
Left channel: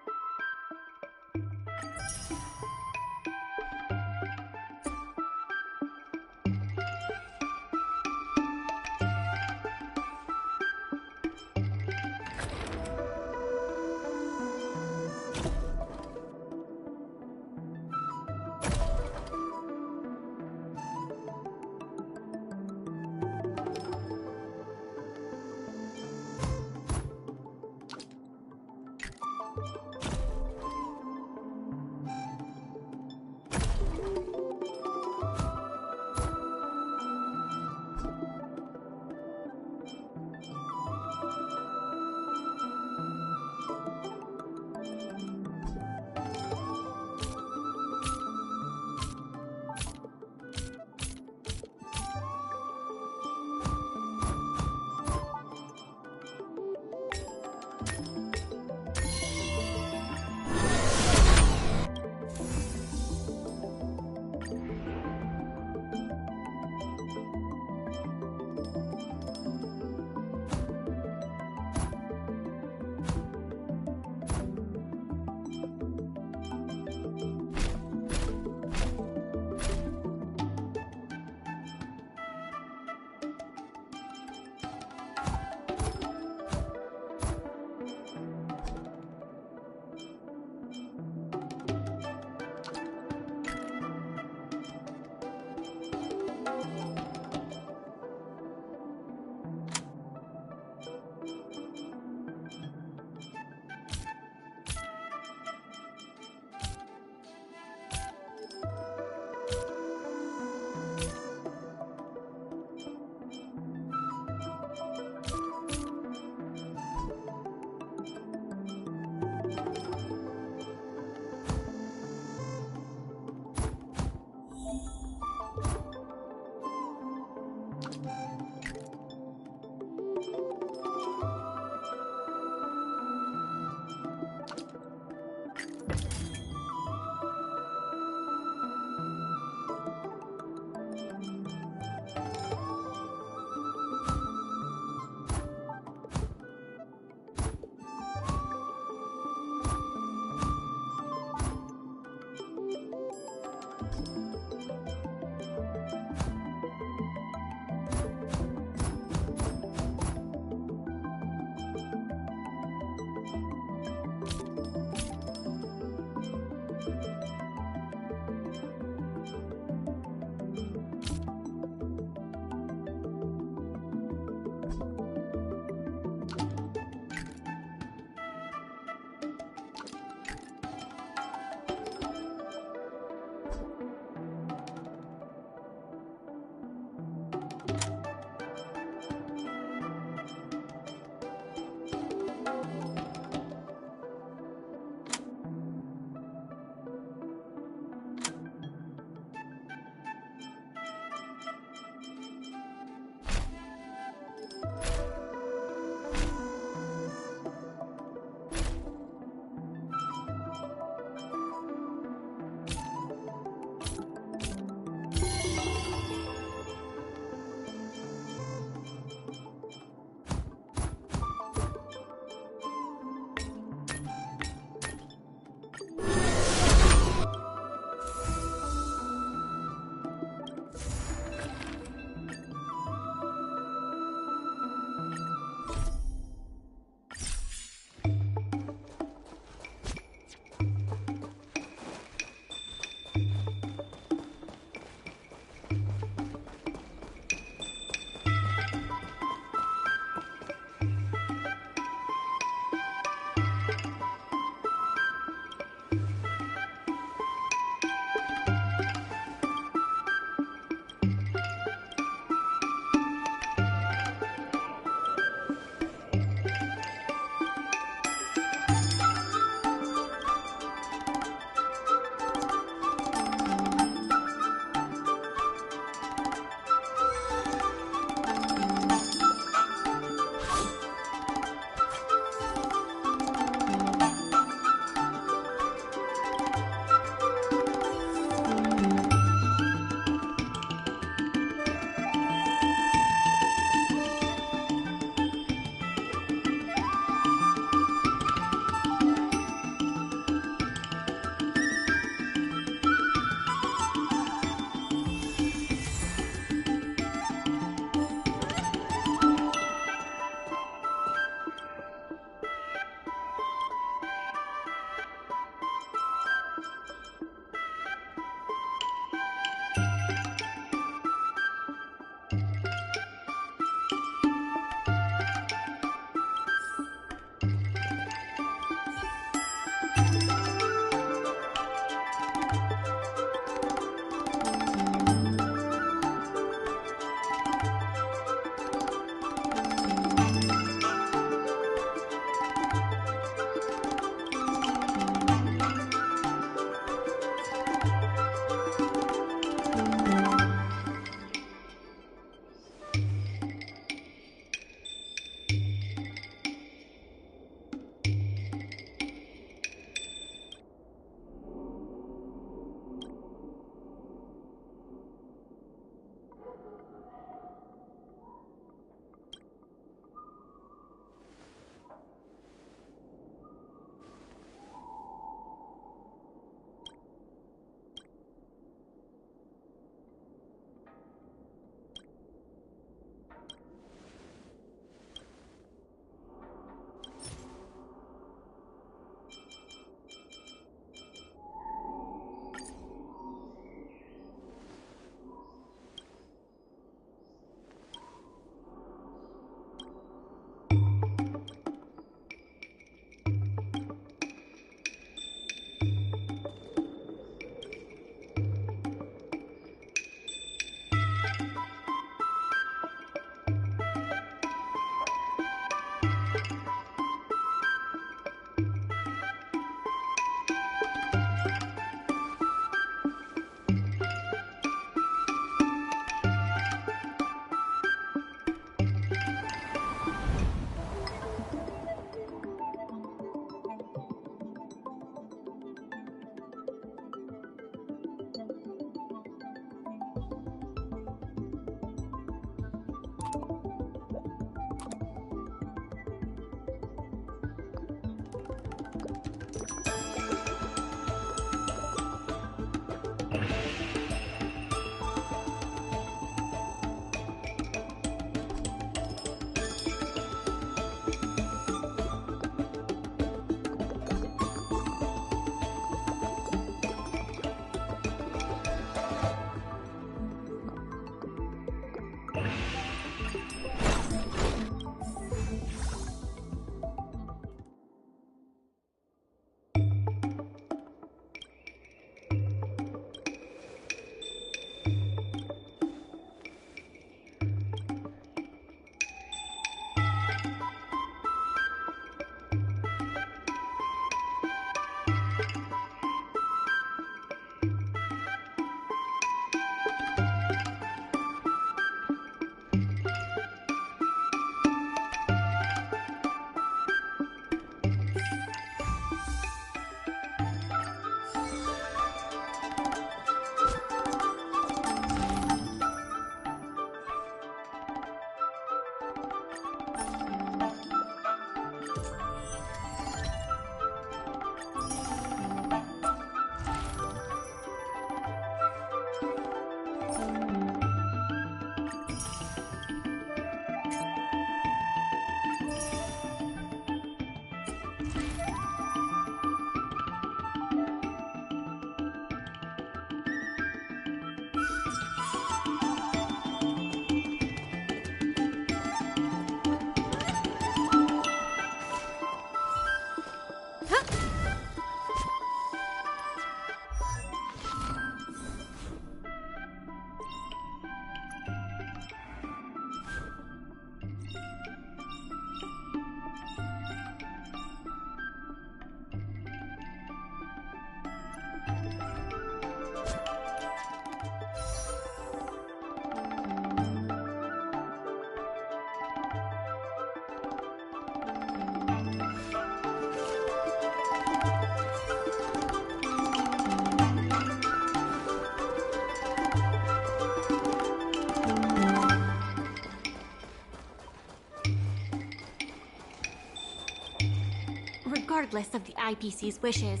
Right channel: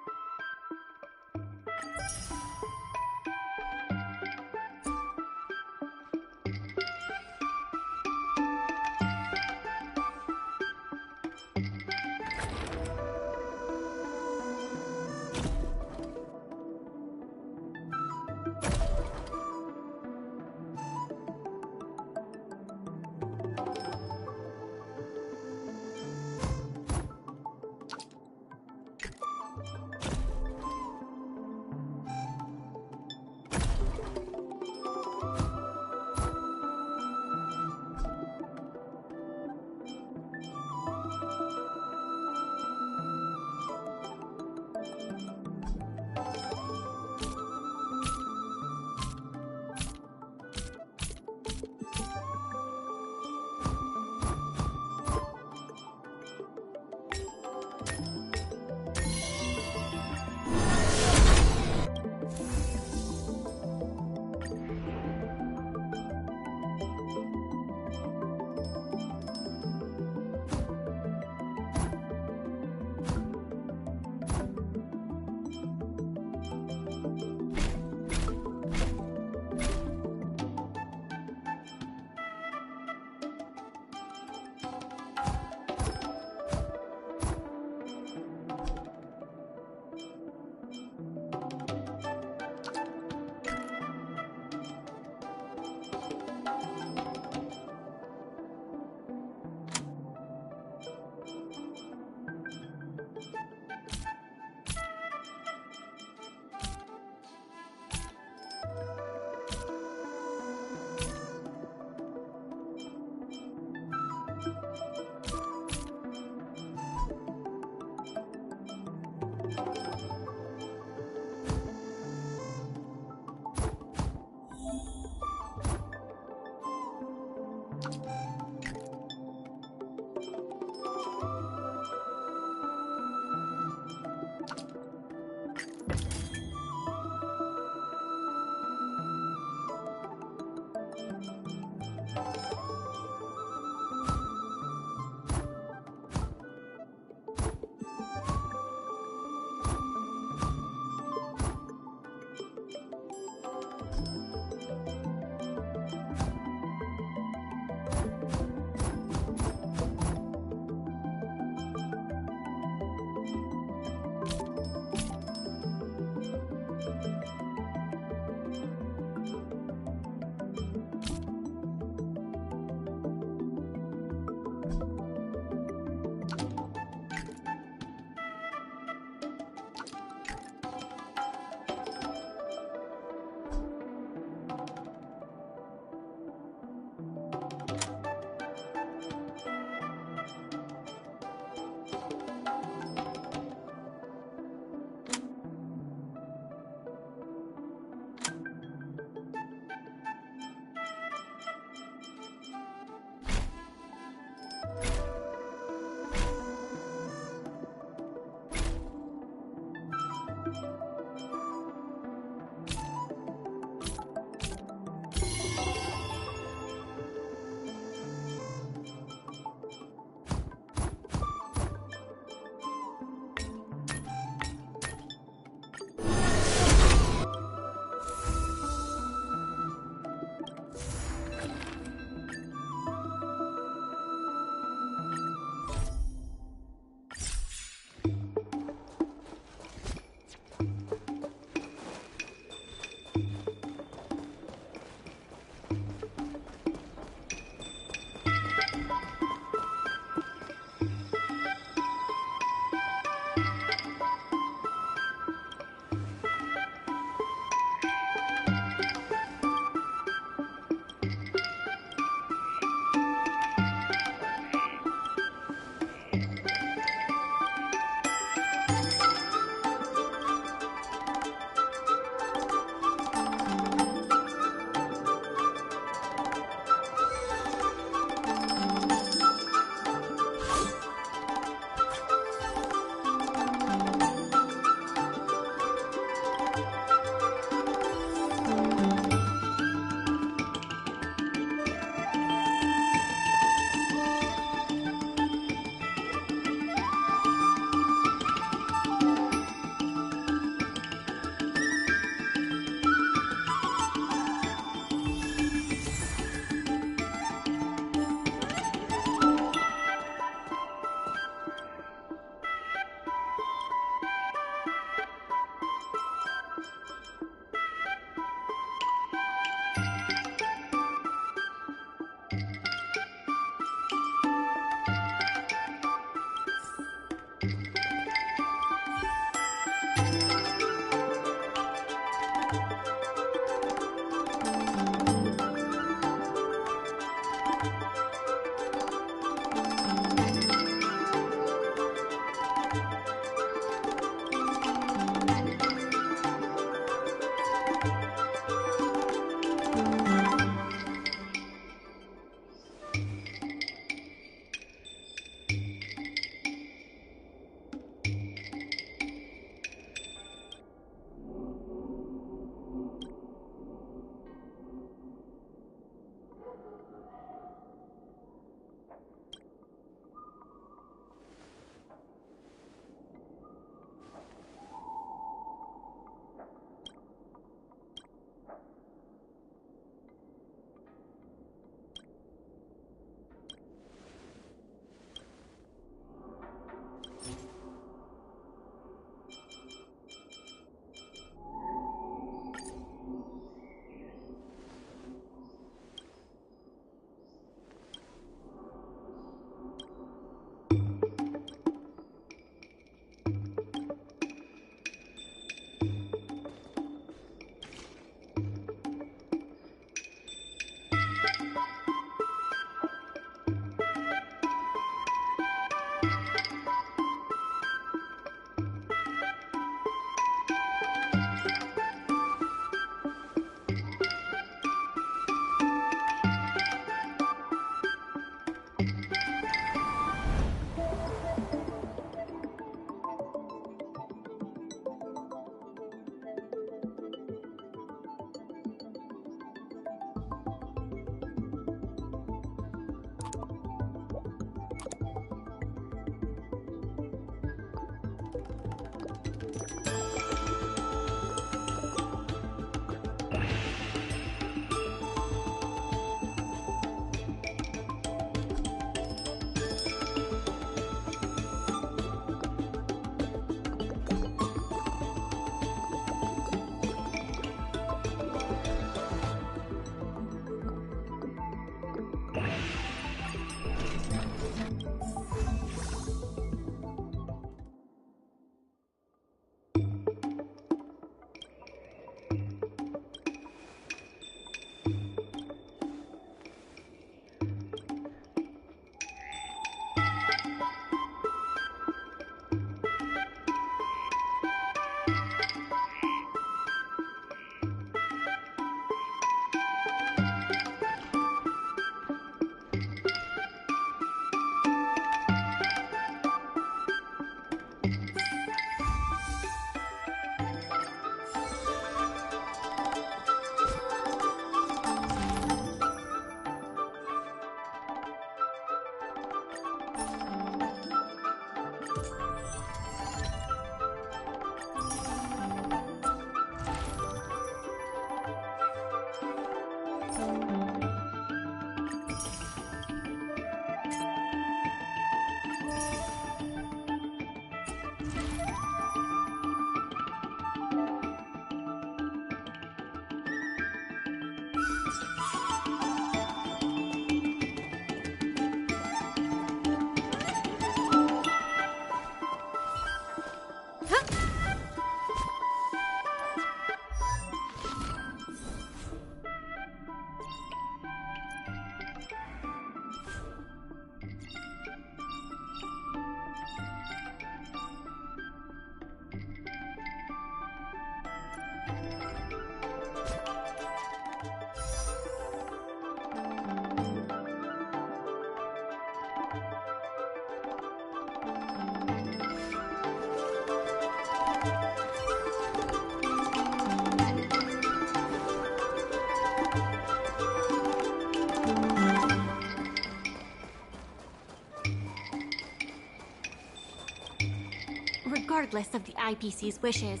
Regardless of the IPC's wishes,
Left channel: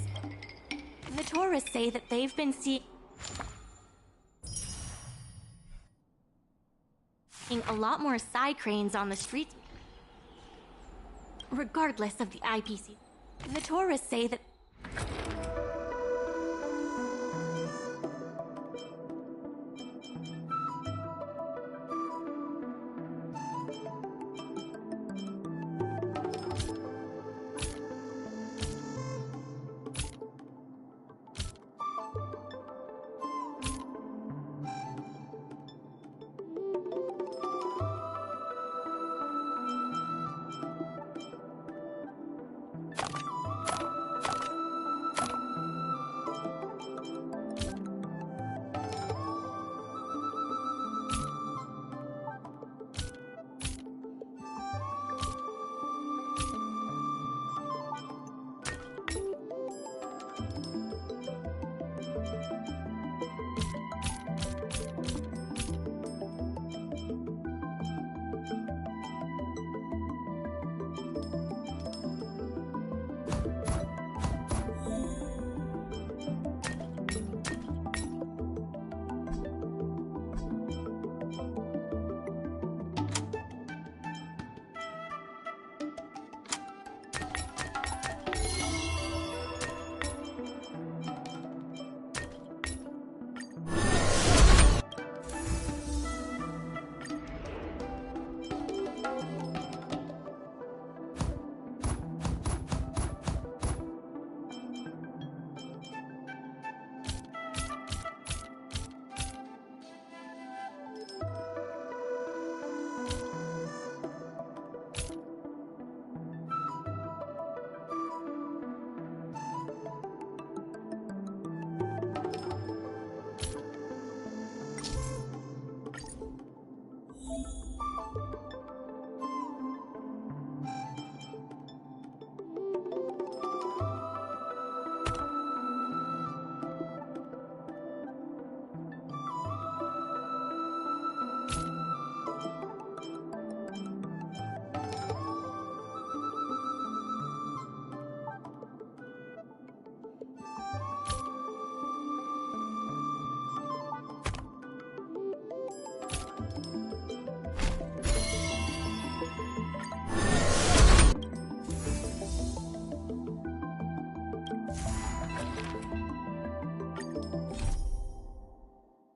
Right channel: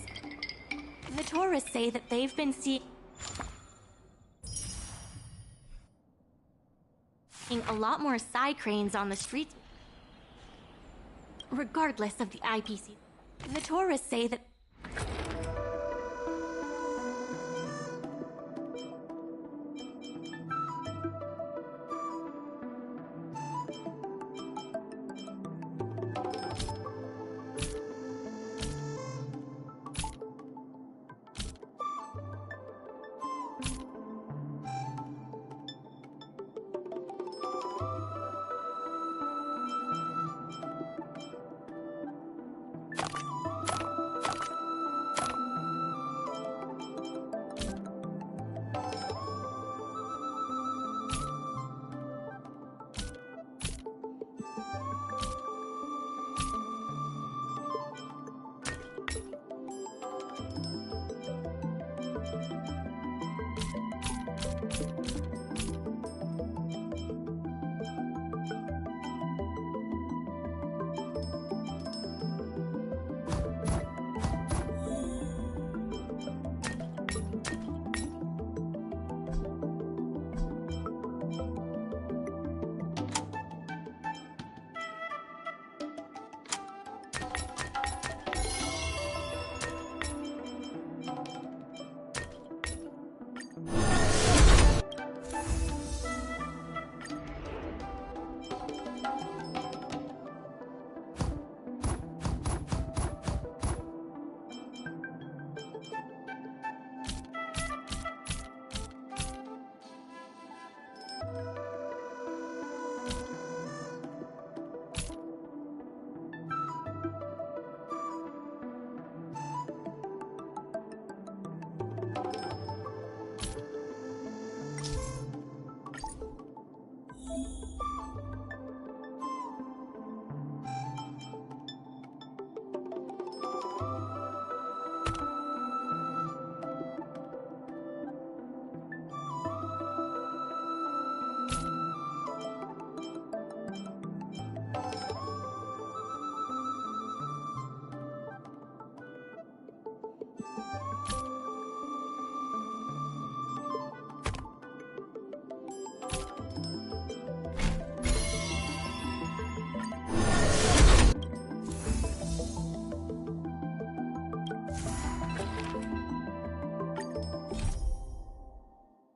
the tourists say that they've been seeing a lot more side cranes on the streets. Regardless of the IPC, the tourists say that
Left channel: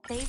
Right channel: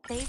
they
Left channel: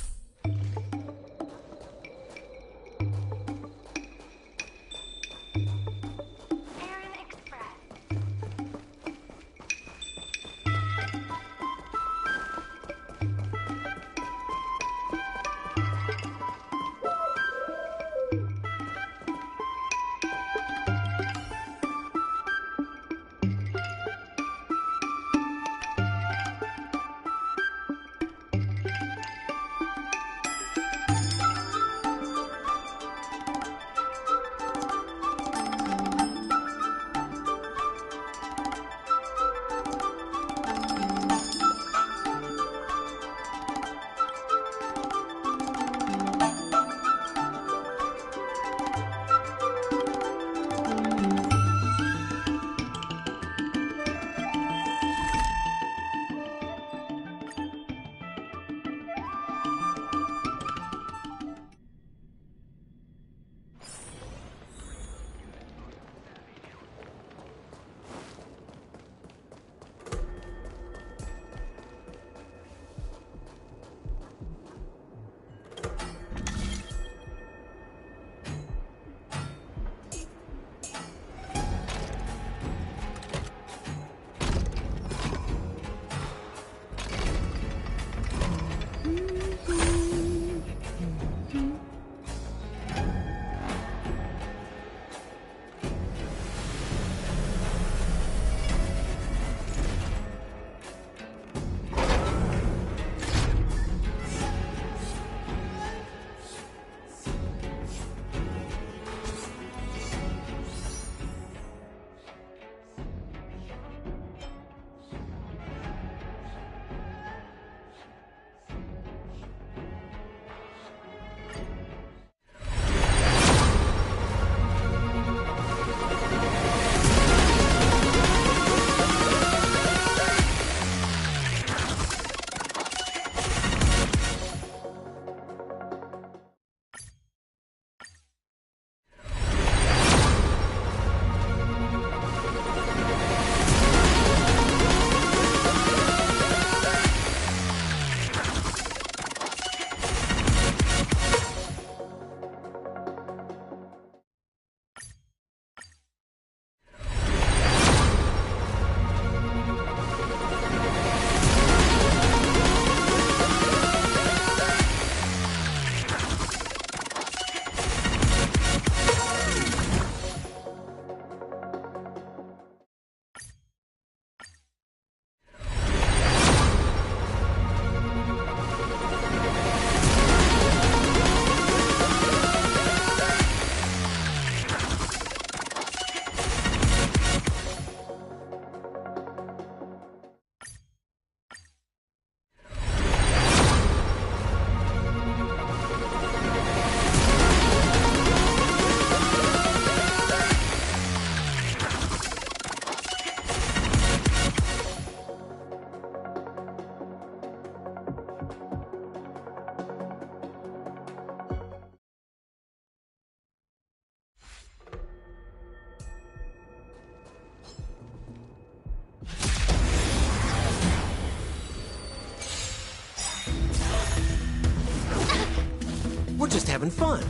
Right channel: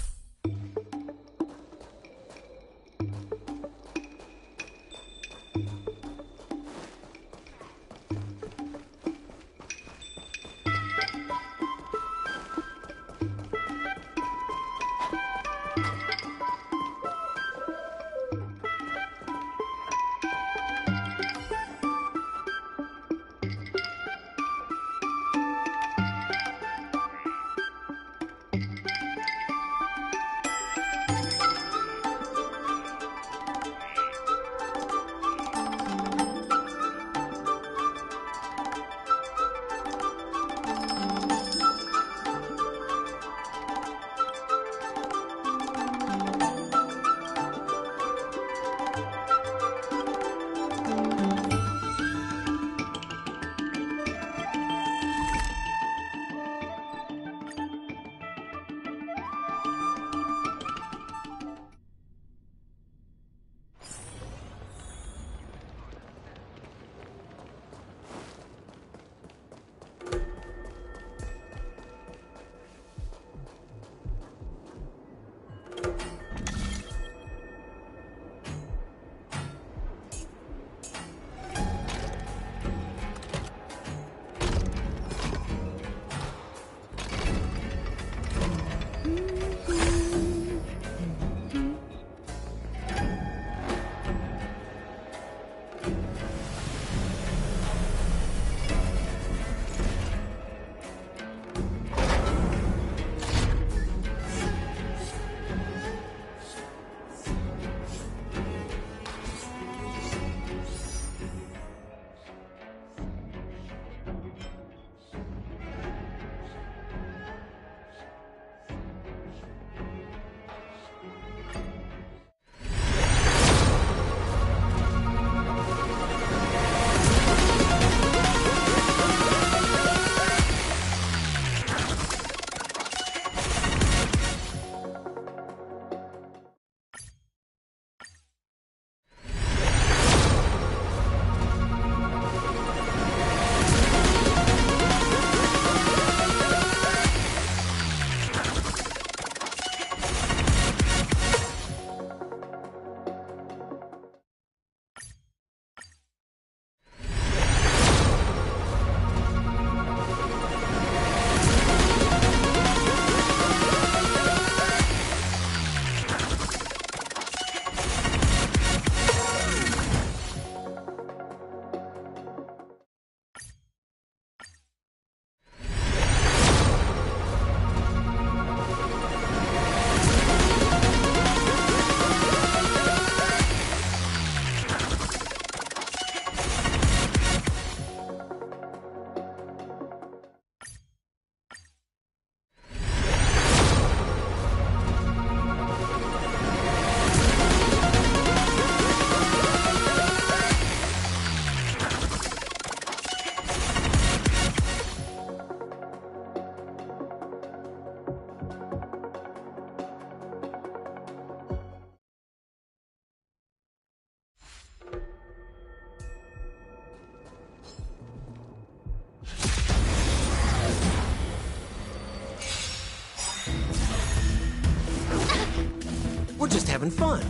just having fun.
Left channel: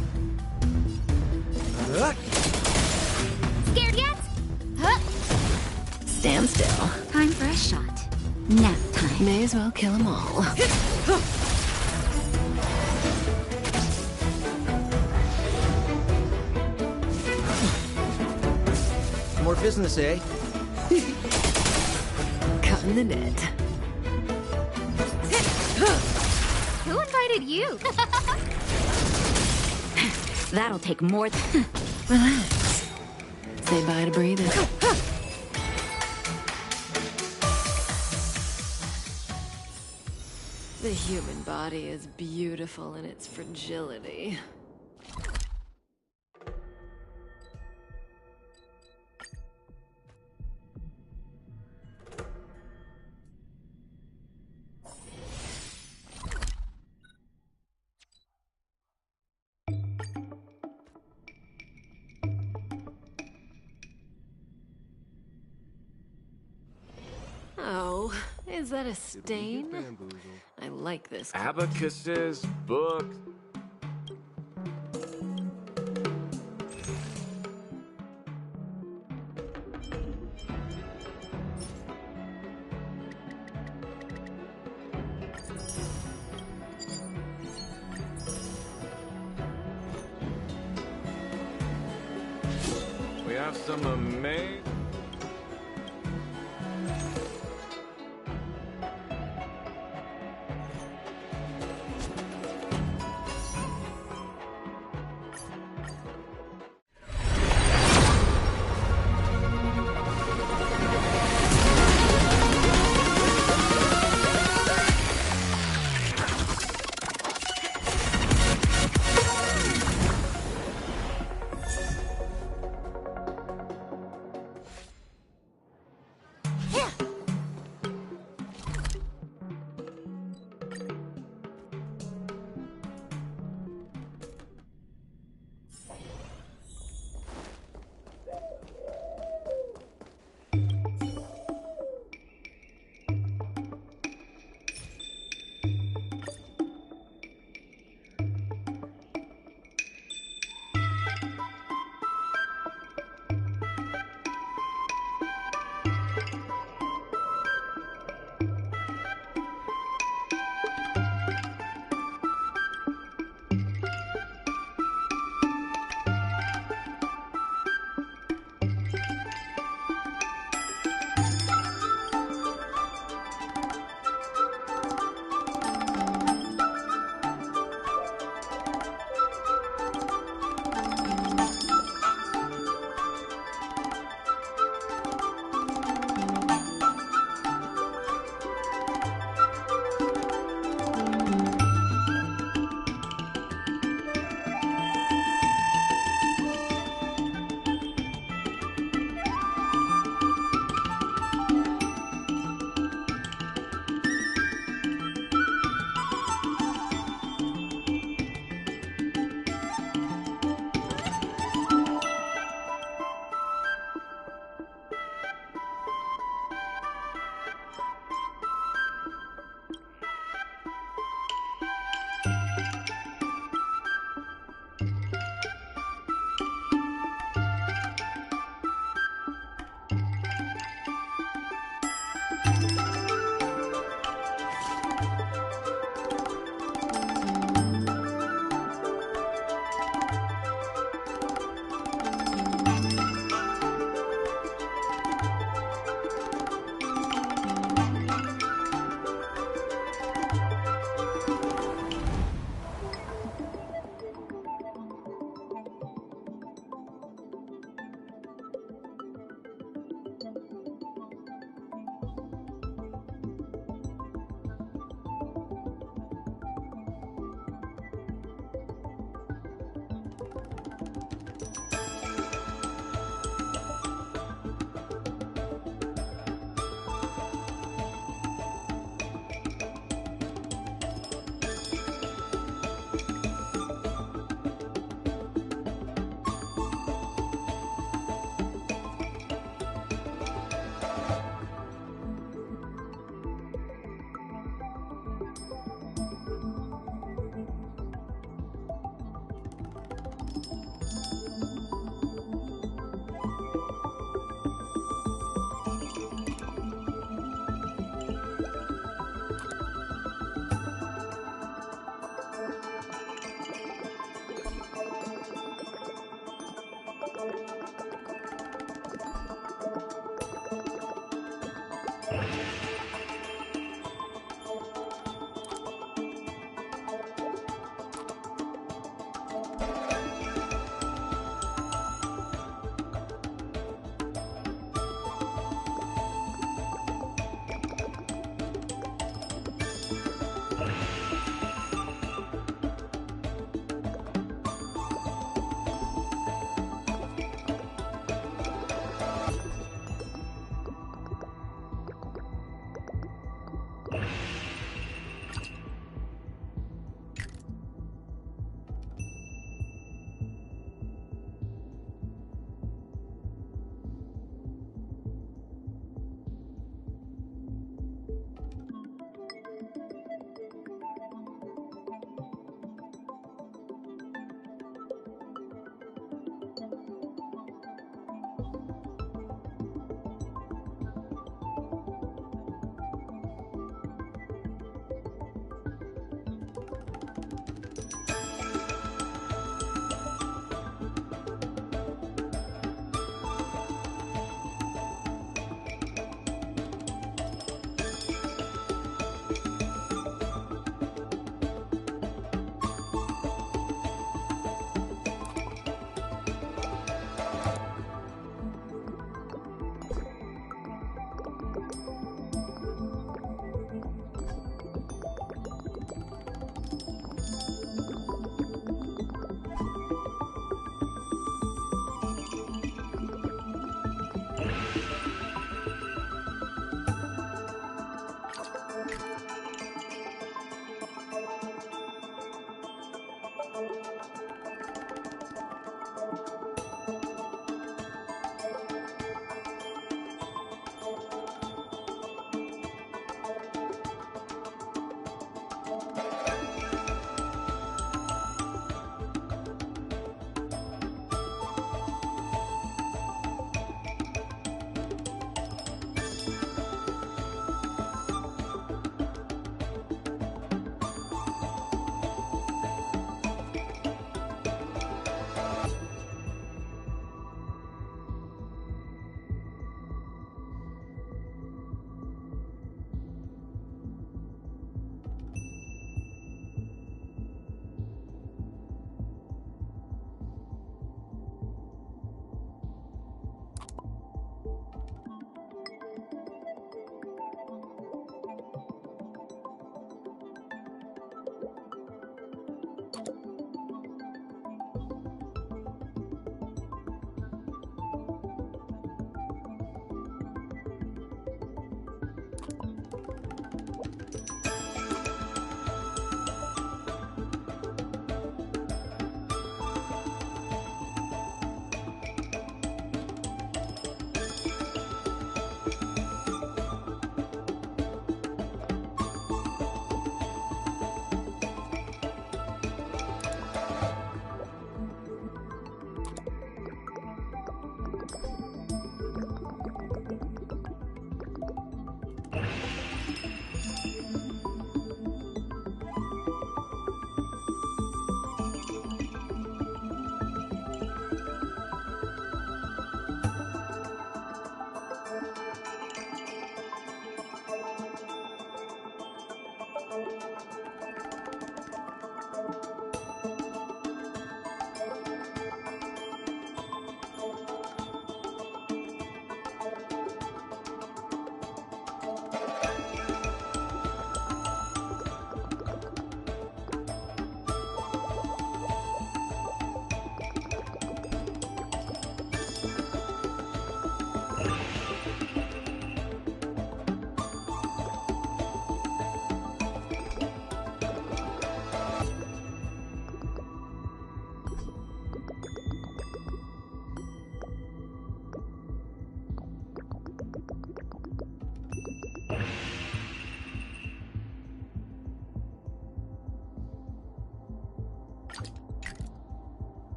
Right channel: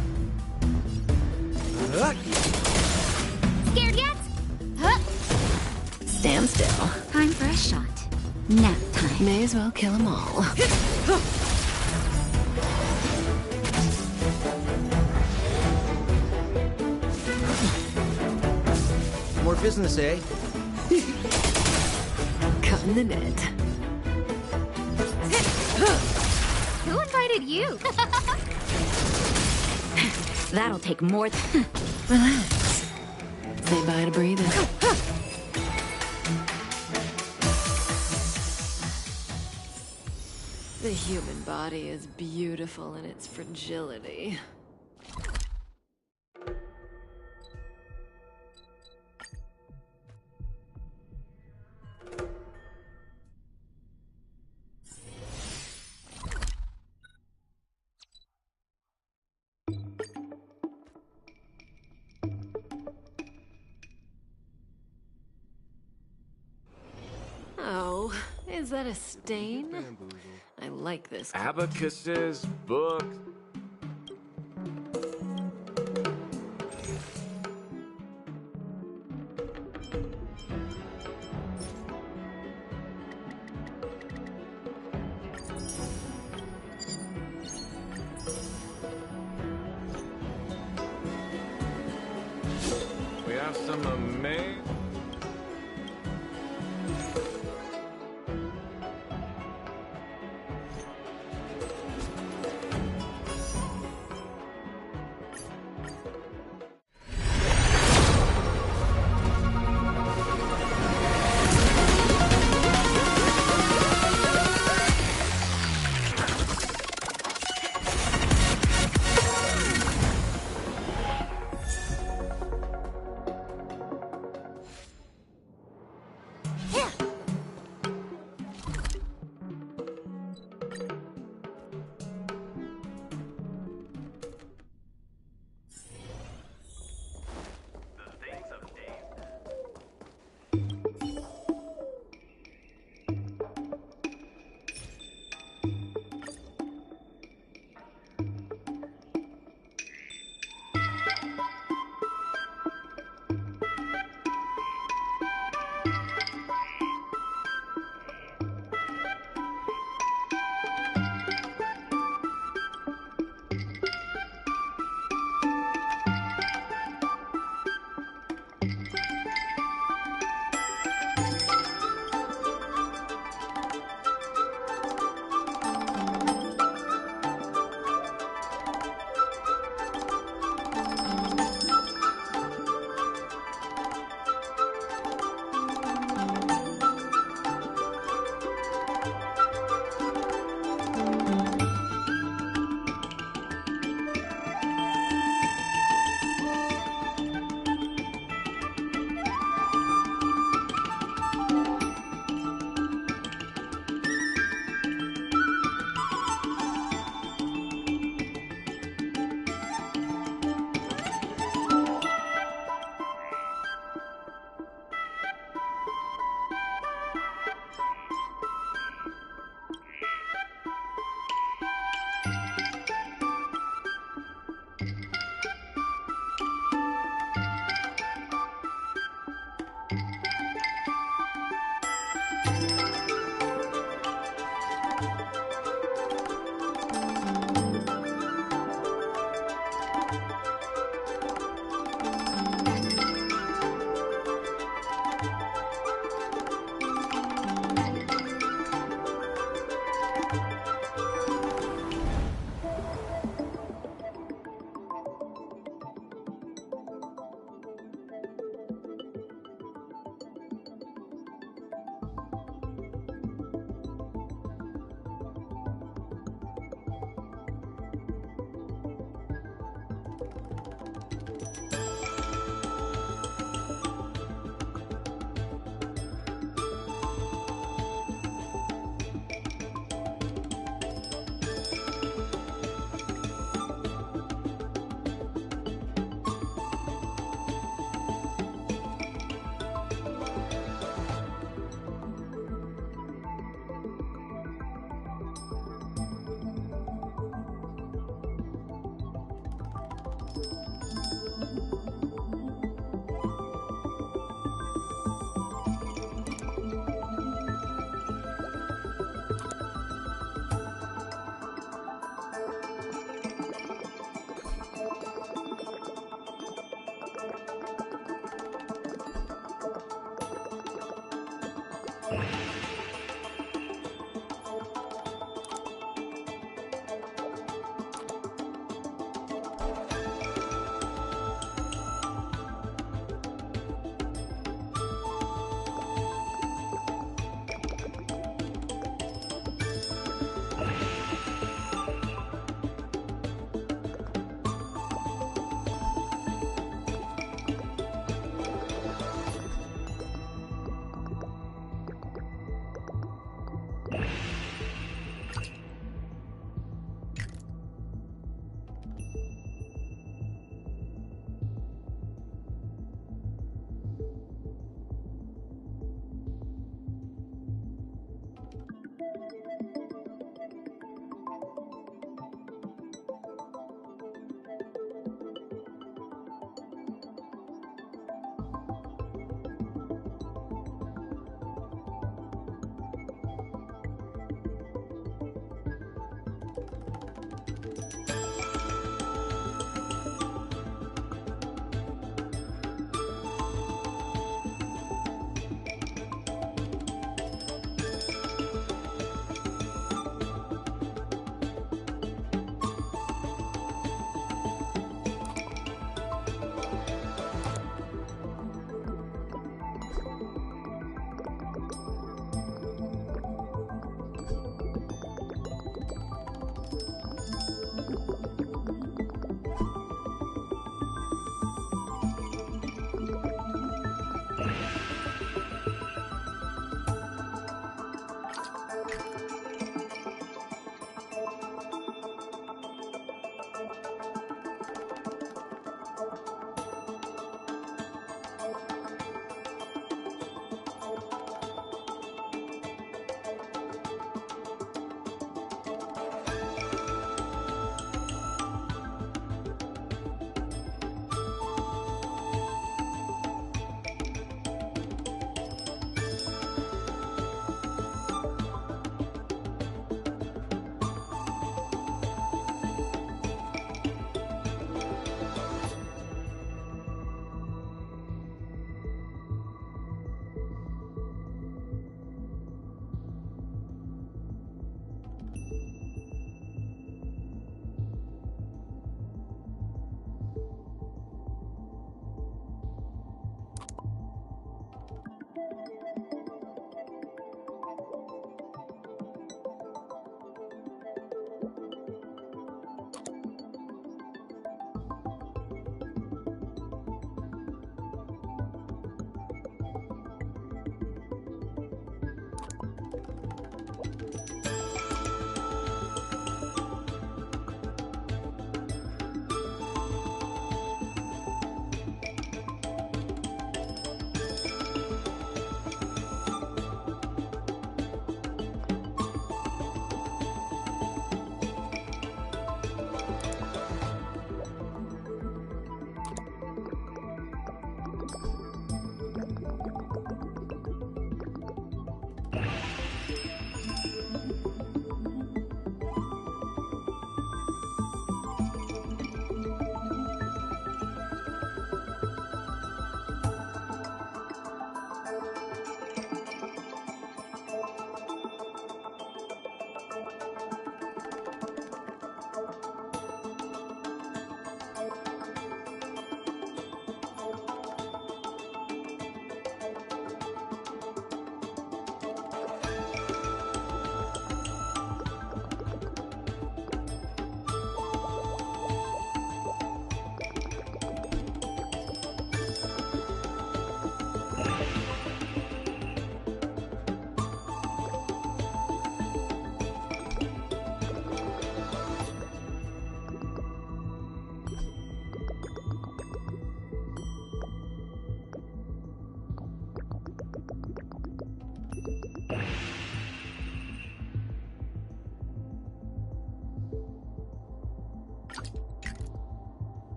Scared yet? Huh? Stand still. Time for a shot. Nap time. May as well kill them all. More business, eh? Cutting the net. Who invited you? That'll take more Relax. Say bye to breathing. The human body is beautiful in its fragility. Oh, is that a stain? I like this. Abacuses, books. We have some amazing...